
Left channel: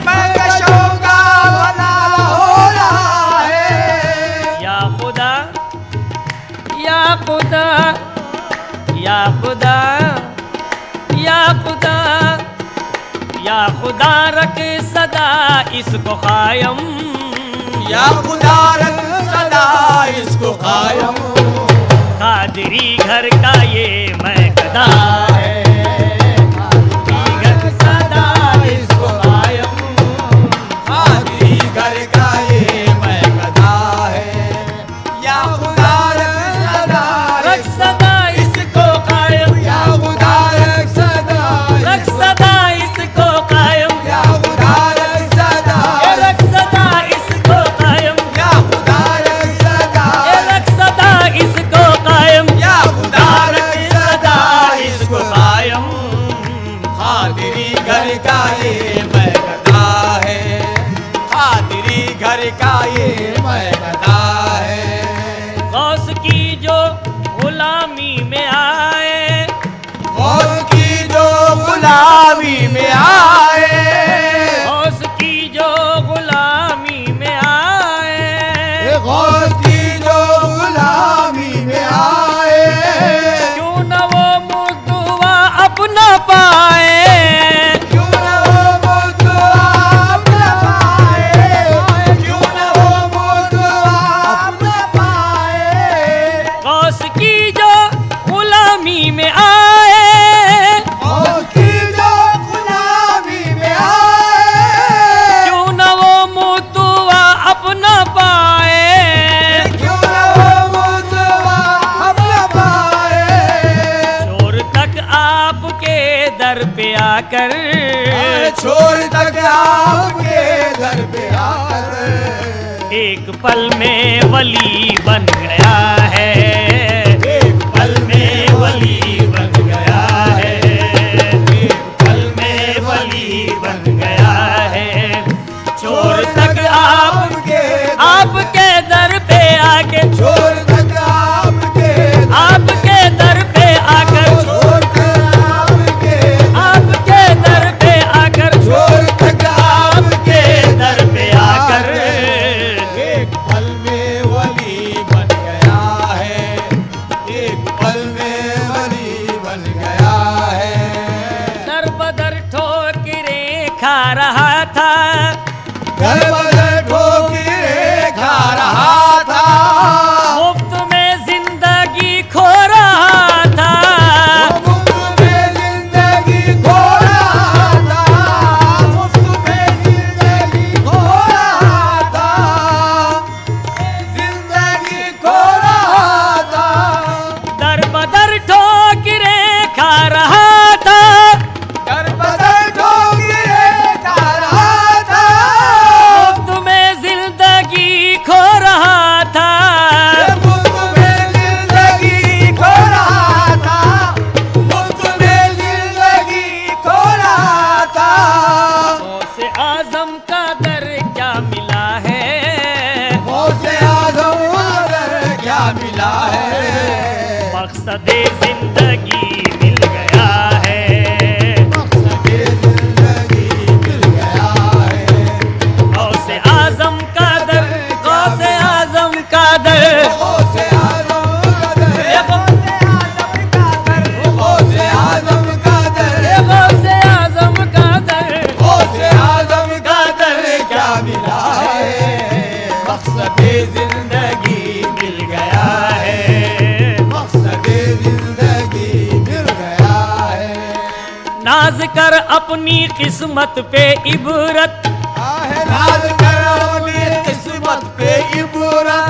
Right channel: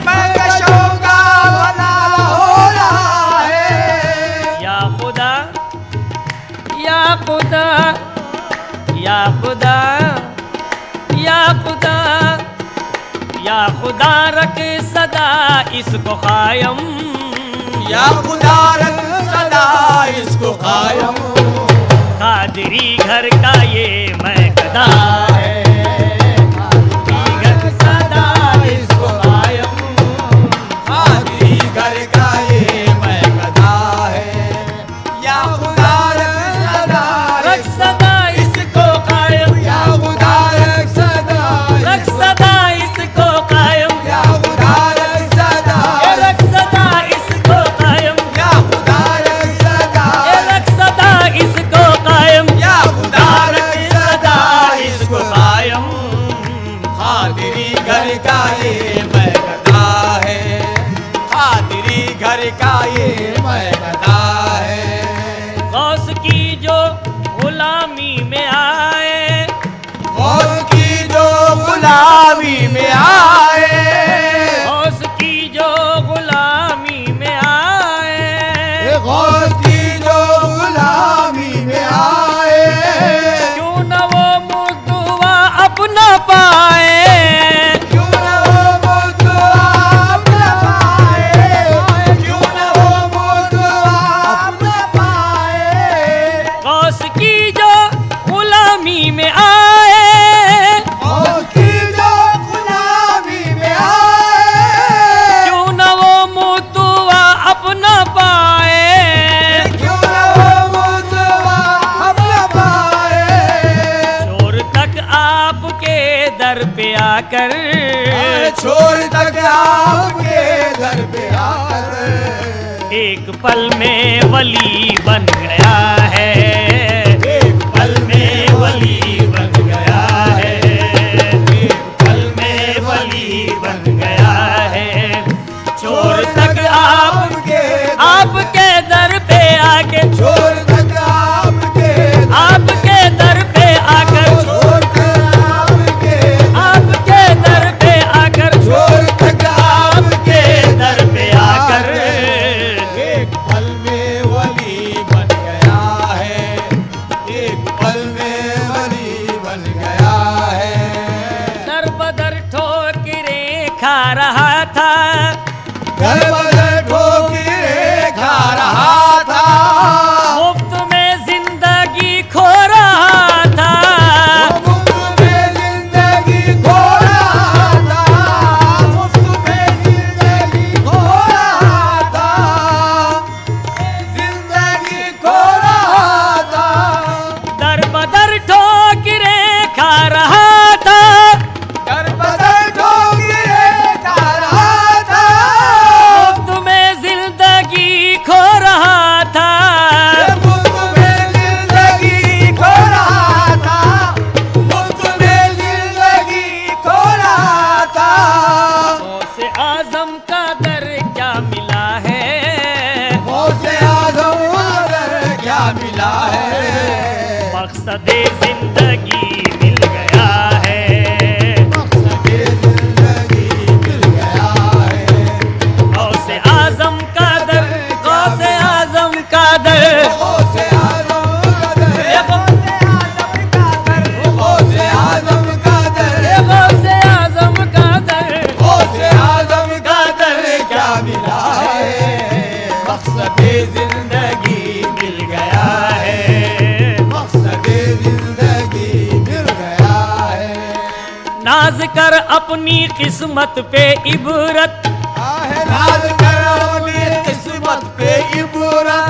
मैं कशों का भला हो रहा है। या खुदा, या खुदा, या खुदा, या खुदा, या खुदा रख सदा इसको कायम, या खुदा रख सदा इसको कायम, कादरी घर का ये मैं गदा है, घर सदा इसको कायम, कादरी घर का ये मैं गदा है, या खुदा रख सदा इसको कायम, या खुदा रख सदा इसको कायम, या खुदा रख सदा, रख सदा इसको कायम, या खुदा रख सदा, रख सदा इसको कायम, या खुदा रख सदा इसको कायम, कादरी घर का ये मैं गदा है, कादरी घर का ये महकता है। गौस की जो गुलामी में आए, गौस की जो गुलामी में आए, गौस की जो गुलामी में आए, गौस की जो गुलामी में आए, क्यों न वो मुर्दुआ अपना पाए, क्यों न वो मुर्दुआ अपना पाए, क्यों न वो मुर्दुआ अपना पाए। गौस की जो गुलामी में आए, गौस की जो गुलामी में आए, क्यों न वो मुर्दुआ अपना पाए, क्यों न वो मुर्दुआ अपना पाए। छोर तक आपके दर पे आकर, छोड़ तक आपके घर पे आकर, एक पल में वली बन गया है, एक पल में वली बन गया है, एक पल में वली बन गया है। छोर तक आपके दर पे आके, छोड़ तक आपके दर पे आकर, छोड़ तक आपके दर पे आकर, छोड़ तक आपके दर पे आकर, एक पल में वली बन गया है, एक पल में वली बन गया है। दर बदर ठोकरें खा रहा था, घर बदर ठोकरें खा रहा था, मुफ्त में जिंदगी खो रहा था, मुफ्त में जिंदगी खो रहा था, मुफ्त में जिंदगी खो रहा था, जिंदगी खो रहा था। दर बदर ठोकरें खा रहा था, घर बदर ठोकरें खा रहा था, मुफ्त में जिंदगी खो रहा था, मुफ्त में जिंदगी खो रहा था, मुफ्त में जिंदगी खो रहा था। गौसे आजम का दर क्या मिला है, गौसे आज़म अगर क्या मिला है, मकसदे जिंदगी मिल गया है, मकसदे जिंदगी मिल गया है। गौसे आजम का दर, गौसे आजम का दर, गौसे आज़म का दर, गौसे आज़म का दर, गौसे आजम का दर, गौसे आज़म का दर क्या मिला है, मकसदे जिंदगी मिल गया है, मकसदे जिंदगी मिल गया है। नाज कर अपनी किस्मत पे इबरत, राज कर अपनी किस्मत पे इबरत,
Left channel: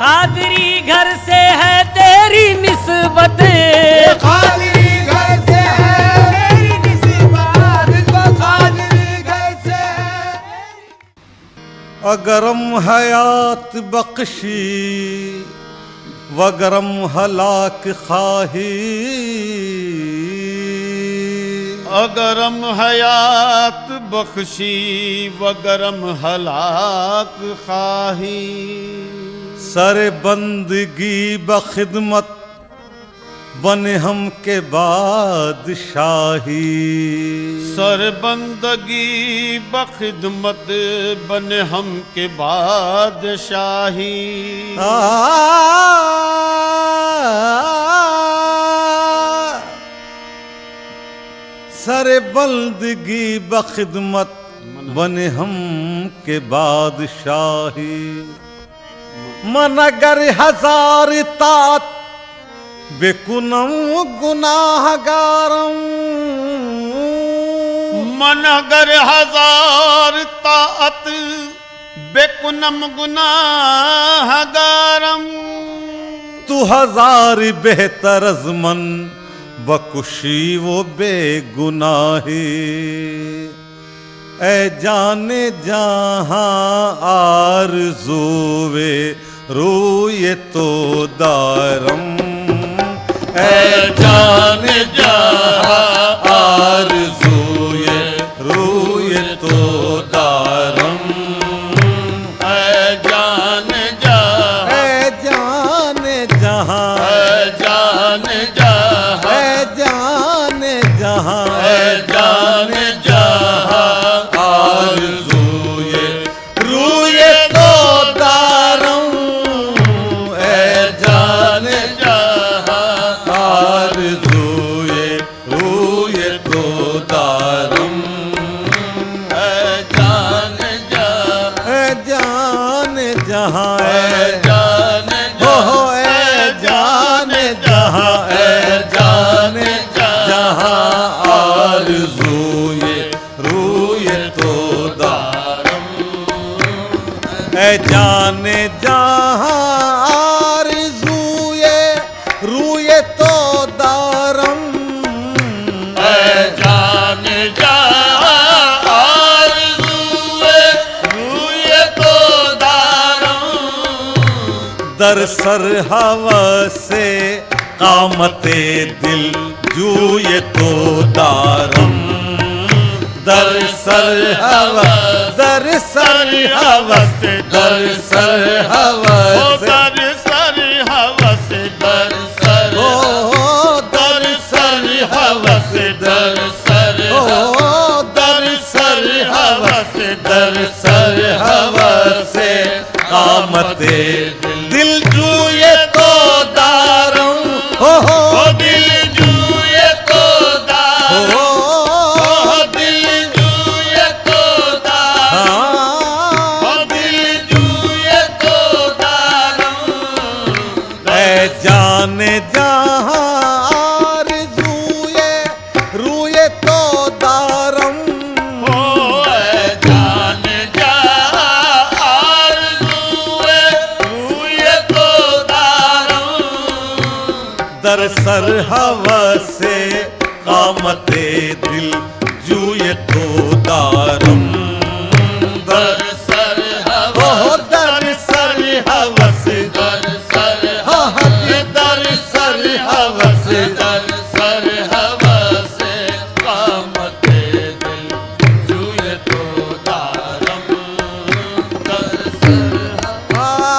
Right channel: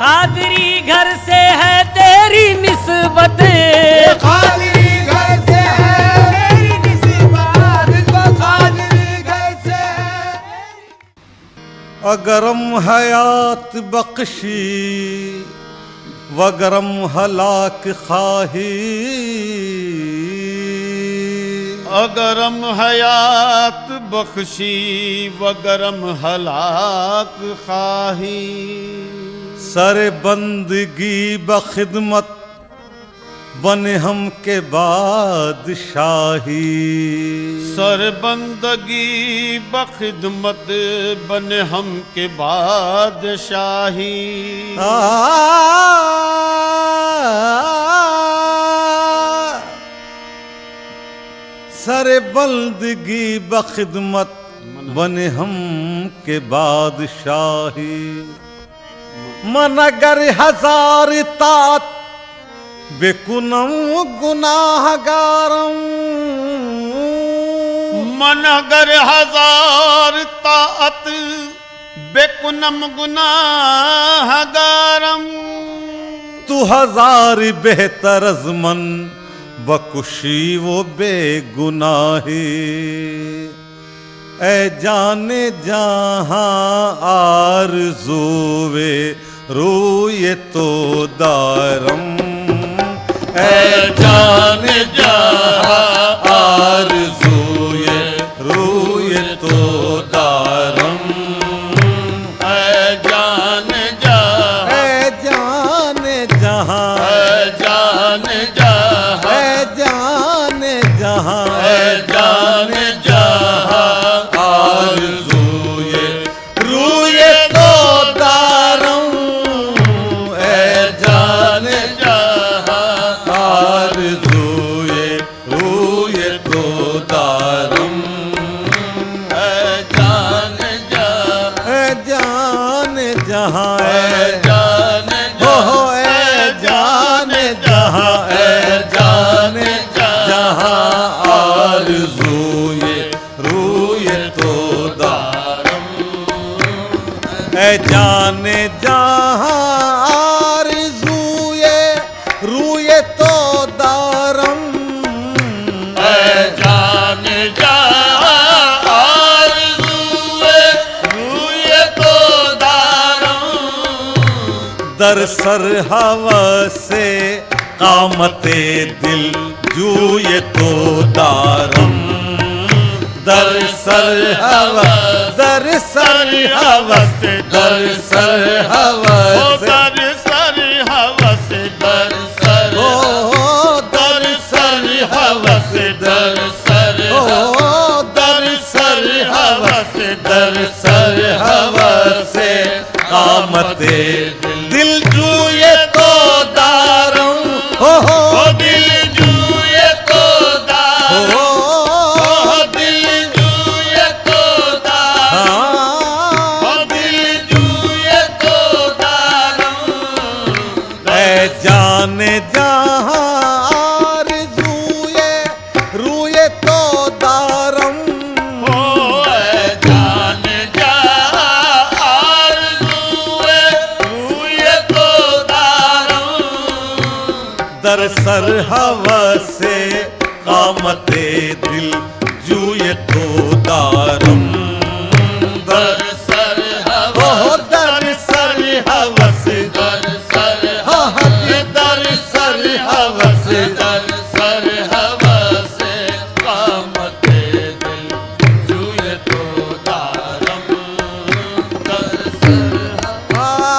कादरी घर से है तेरी निस्बत, कादरी घर से है मेरी निस्बत, कादरी घर से है। अगरम हयात बख्शी वगरम हलाक खाही, अगरम हयात बख्शी वगरम हलाक खाही, सर बंदगी बखिदमत बने हम के बादशाही, सरबंदगी बखिदमत बने हम के बादशाही, सर बंदगी बखिदमत बने हम के बादशाही, मन अगर हजार तात बेकुनम गुनाहगारम, मन अगर हजार ताअत बेकुनम गुनाहगारम, तू हजार बेहतर अज़मन बकुशी वो बेगुनाही, ए जाने जहां आरज़ूवे रूए तो दारम, ए जाने जहां आरज़ूए रूए तो दारम, आरज़ूए रूए तो दारम ए जाने जहां आरज़ूए रूए तो दारम जाने जा आरज़ूए रूए तो दारम दर सर हवसे कामते दिल जूए तो दारम दर सर हवस दर सर हवस दर सर हवस दर सर हवस दर सर दर सर हवस दर सर दर सर हवस दर सर हवस कामते दिल जूए तो दारम हो दिल जूए तो दारम दिल जूए तो दारम दिल जूए तो दारम ऐ जाने जहां आरज़ूए रूए तो दारम जाने जा आरज़ूए रूए तो दारम दर सर हवसे कामते दिल जूए तो दारम दर सर दर सर हवस दर सर दर सर हवस दर सर हवस कामते दिल जूए तो दारम दर सर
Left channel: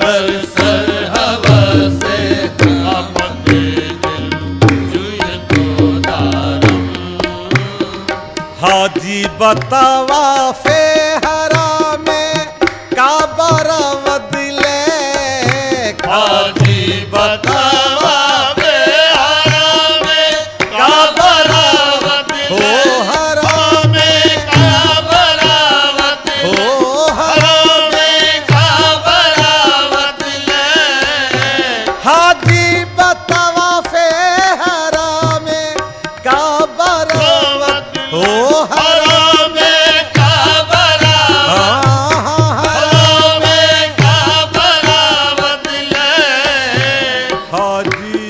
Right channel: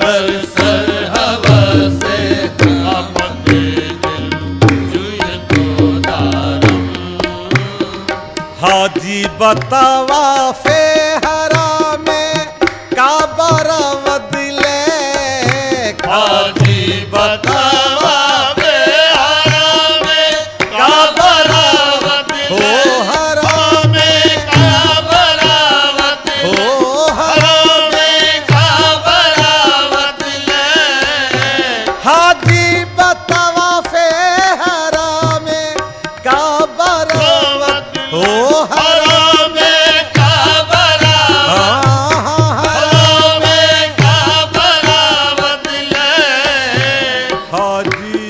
दर सर हवस कामते दिल जूए तो दारम हाजी बतावा फे हरा में काबर बदले हाजी बतावा बेहारा में का बरावत हो हरा में का बरावत हो हरा में का बरावत ले हाजी बतावा फे हरा में काबर हो हरा में का बरावत हरा में का बरावत ले हाजी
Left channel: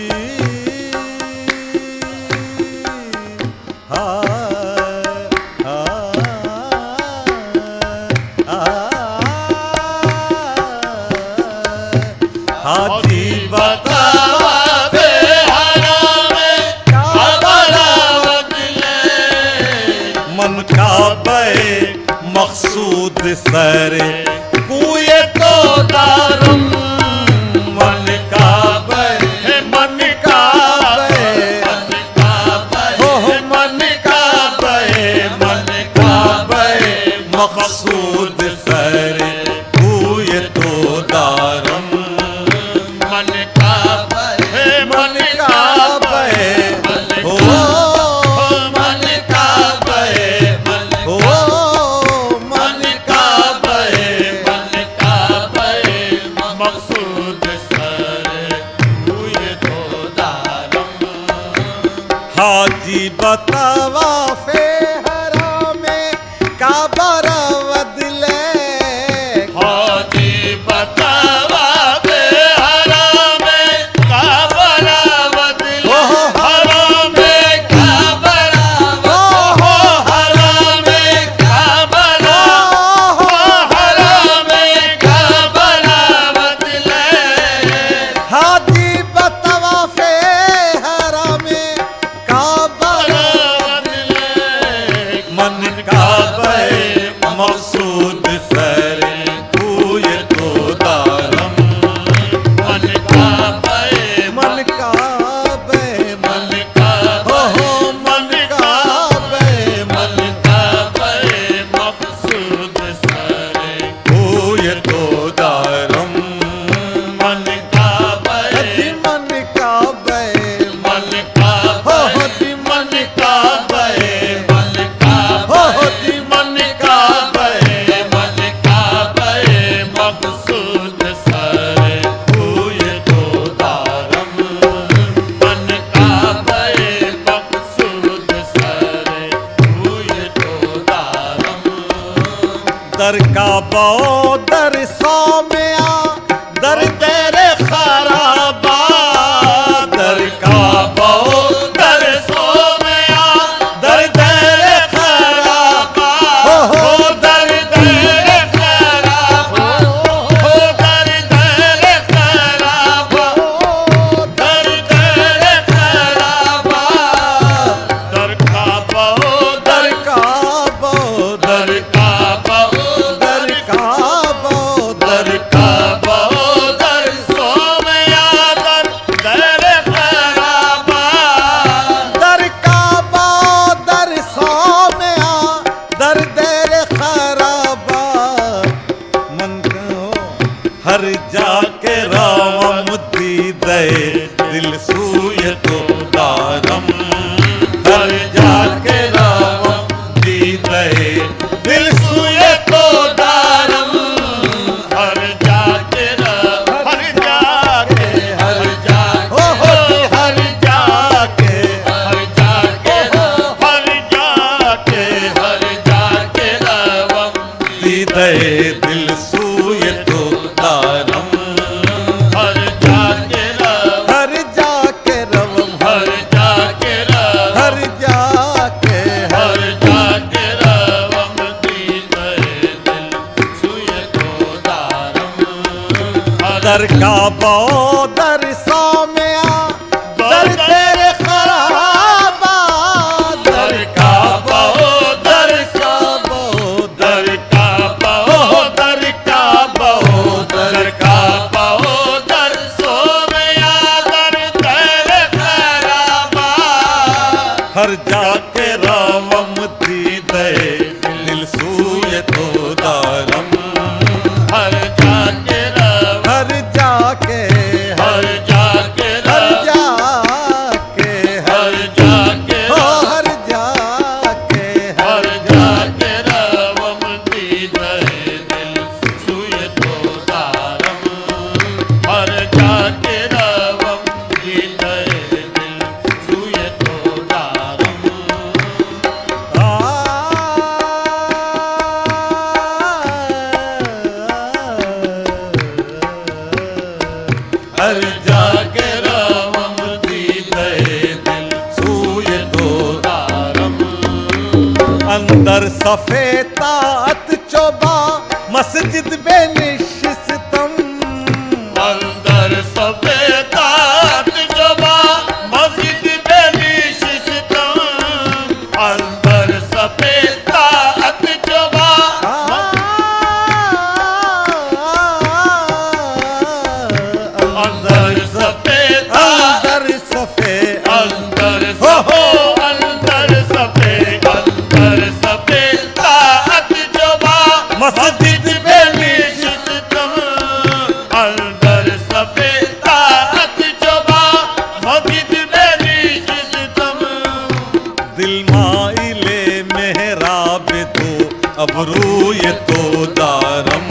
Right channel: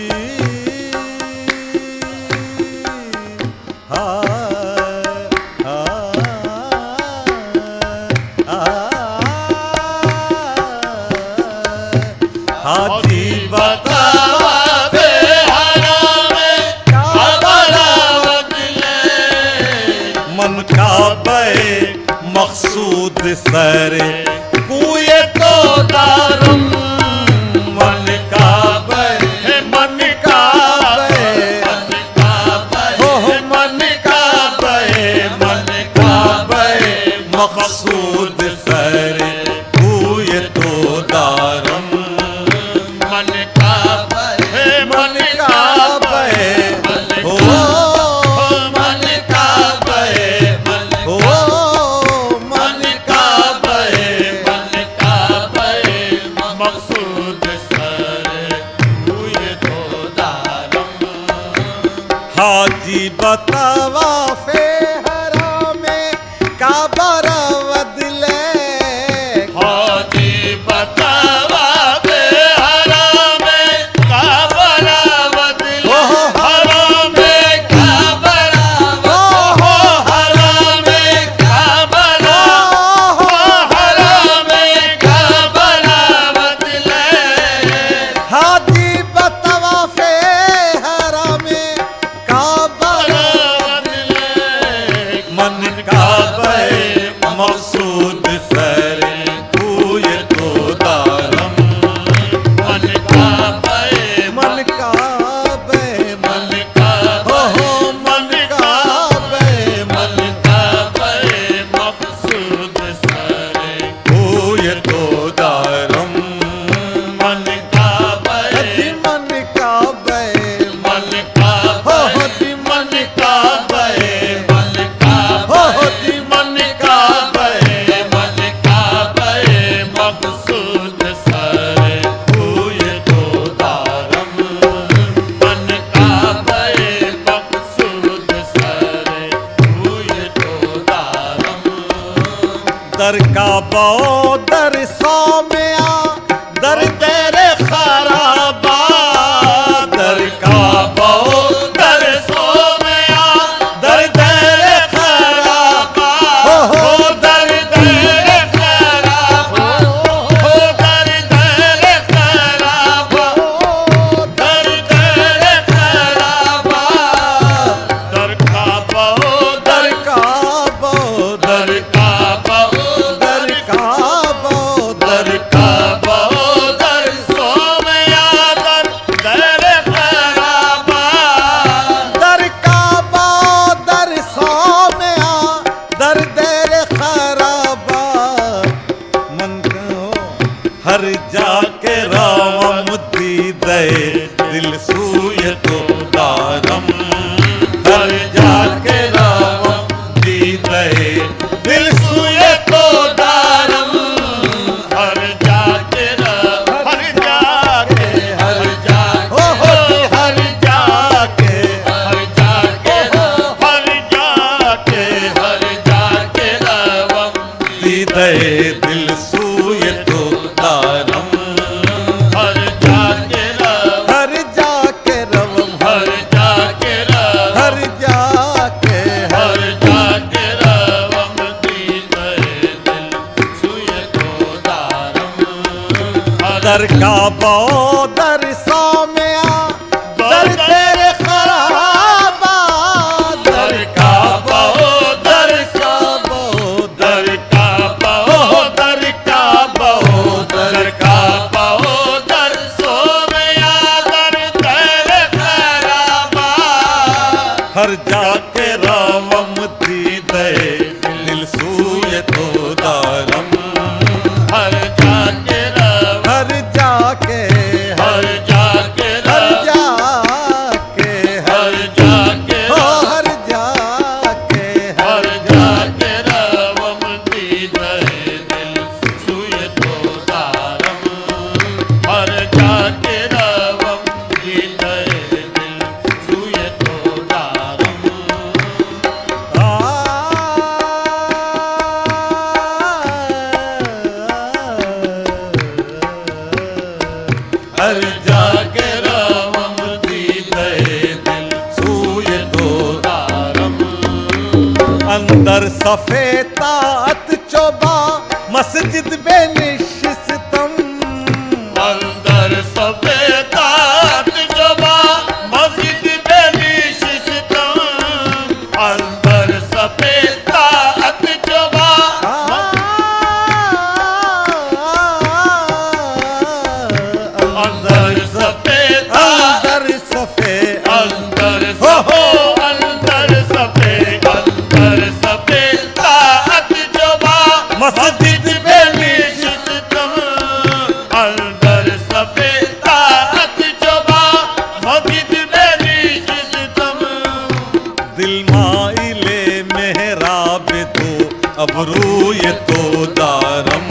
हाजी बतावा बेहारा में का बरावत ले मन का बे मकसूद सरे कुए तो दारम मन का बे मन का बे हो मन का बे मन का बे मकसूद सरे कुए तो दारम मन का मन का बे हो मन का हो मन का मन का मकसूद सर हुए तो दारम हाजी बतावा फे हरा में काबर बदले हाजी बतावा बेहारा में का बरावत ले हरा में का बरावत हरा में का बरावत हरा में का बरावत ले हाजी बतावा फे हरा में काबर बरावत ले बो दर सौ में आ दर तेरे खराबा दर का बो दर सो में आ दर तेरे खराबा हो दर दर खराबा हो दर दर खराबा दर दर खराबा दर का बहु दर का बो दर का बहु दर का बो दर का बहु दर सो में आ दर दर खराबा दर का बो दर सौ में आ दर देर खराबा मन को हर जाके राम दी दे दिल सूय तो दारम हर जाके राम दी दे दिल सूय तो दारम हर जाके हर जाके हर जाके हो हर जाके हर जाके हर जाके हर जाके रवम दी दे दिल सूय तो दारम हर जाके रवम हर जाके रवम हर जाके रवम हर जाके हर जाके रवम दी गए दिल सुय को दारम दर का बो दर सौ में आ दर तेरे खराबा दर का बहु दर का बो दर का बहु दर का बहु दर का बहु दर सो में आ दर दर खराबा हर जाके रावम दी दे दिल सूय तो दारम हर जाके रव हर जाके हर जाके हर रव जाके हर जाके हो रव हर जाके हर जाके रवम दी गए दिल सुय तो दारम हर जाके रवम दी गए दिल सुय तो दारम हर जाके रवम दी गए दिल सूय तो दारम अंदर सफेतात चोबा मस्जिद बेनिशिस्तम अंदर सफेदात जबा मस्जिद बेनिशिस्तम अंदर सफेदात जबा अंदर सफेदा अंदर सफे अंदर सफे अंदर सफेदात जबा मस्जिद बेनिशिस्तम अंदर सफेदात जबा मस्जिद बेनिशिस्तम दिल माइले मेहराब तो अबरूय तो दारम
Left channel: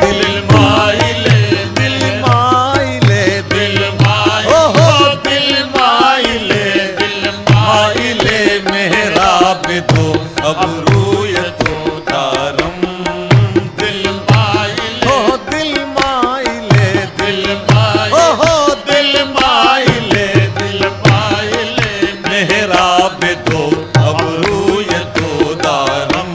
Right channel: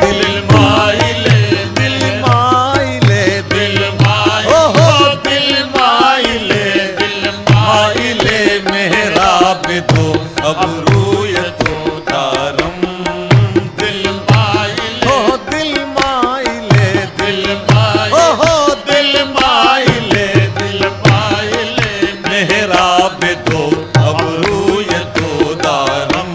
दिल माइले दिल माइले दिल माइले ओहो दिल माइले दिल माइले मेहराब तो अबरूय तो दारम दिल माइले ओ दिल माइले दिल माइले ओहो दिल माइले दिल माइले मेहराब तो अबरूय तो दारम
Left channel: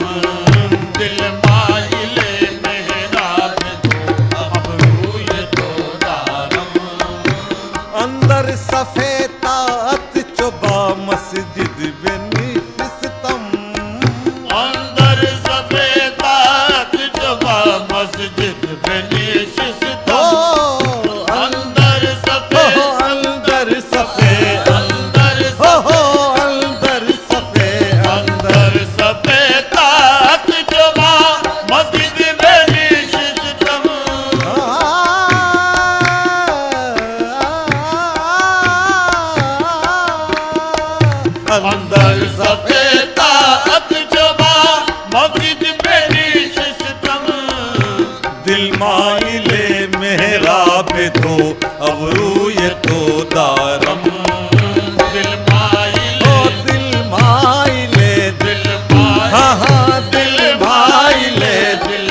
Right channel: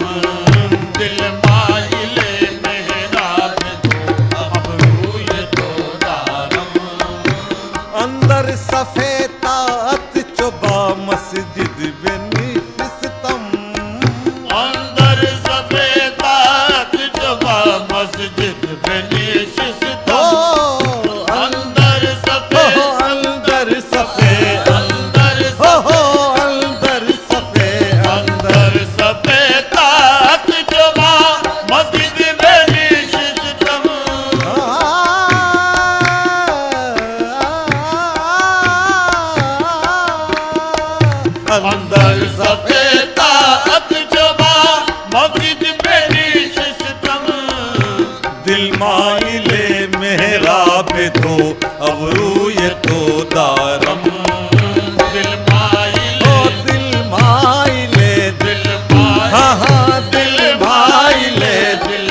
दिल माइले मेहराब तो अब रूय तो दारम अंदर सफेतात चोबा मस्जिद बेनिशिस्तम अंदर सफेदात जबा मस्जिद बेनिशिस्तम अंदर सफे अंदर सफे अंदर हो अंदर सफे अंदर सफेदात जबा मस्जिद बेनिशिस्तम अंदर सफेदात जबा मस्जिद बेनिशिस्तम दिल माइले मेहराब तो अबरूय तो दारम दिल माइले ओ दिल माइले दिल माइले हाँ हाँ दिल दिल माइले माइले दिल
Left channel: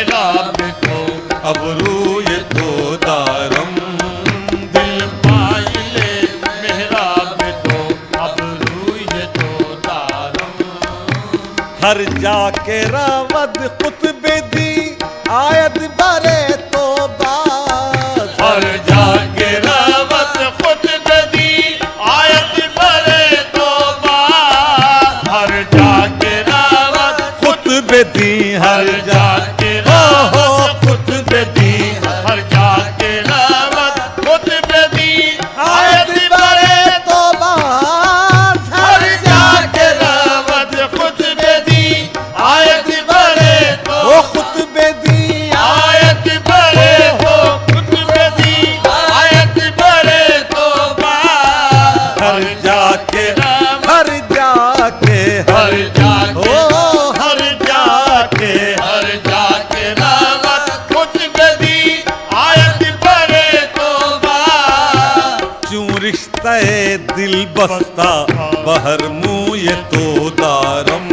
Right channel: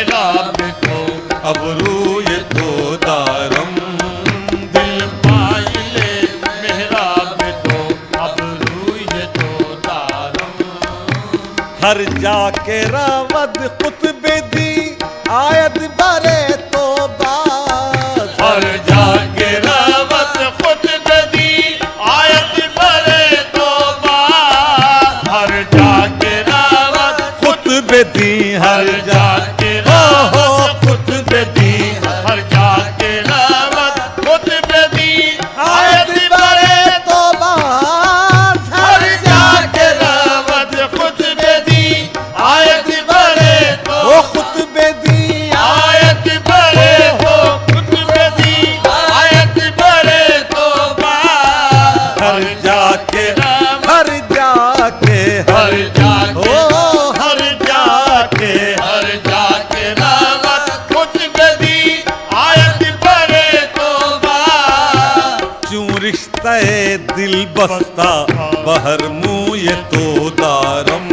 मेहराब तो अब रूए तो दारम दिल पाइले मेहराब तो अब रूए तो तारम हर जाके रावद कुतबे दी आयत बारे तो बाज हर जाके रावत खुद बदी आयत बरे तो हर जाके रावत कुतबे दी हर जाके रावत खुद बदी हर जाके रावत खुद बदी आयत बरे तो बाज हर जाके रावत खुद बदी आयत बरे तो ओ कुतबे दी आयत बरे तो खुद बदी आयत बरे तो हर जाके हर जाके हर जाके ओ हर जाके हर जाके रावत खुद बदी आयत बरे तो क्यों रिश्ता दिल बस्ता बहर मुँह ये तो दारम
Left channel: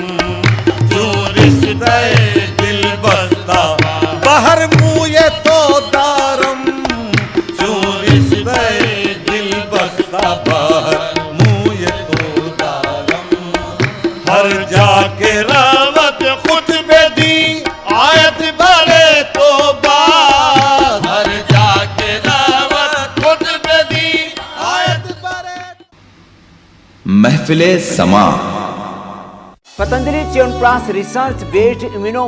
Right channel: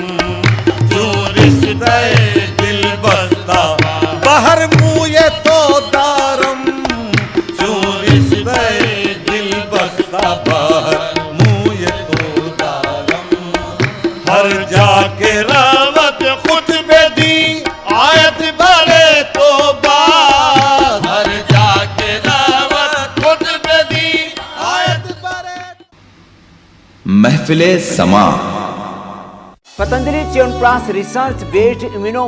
क्यों रिश्ता दिल बस्ता बहर मुँह ये तो दारम क्यों रिश्ता दिल बस्ता बहर मुँह ये तो दारम हर जाके रावत खुद बदी आयत बरे तो हर जाके रावत खुद बदी आयत बरे महफिले समा Patanjali chyawanprash research based immuno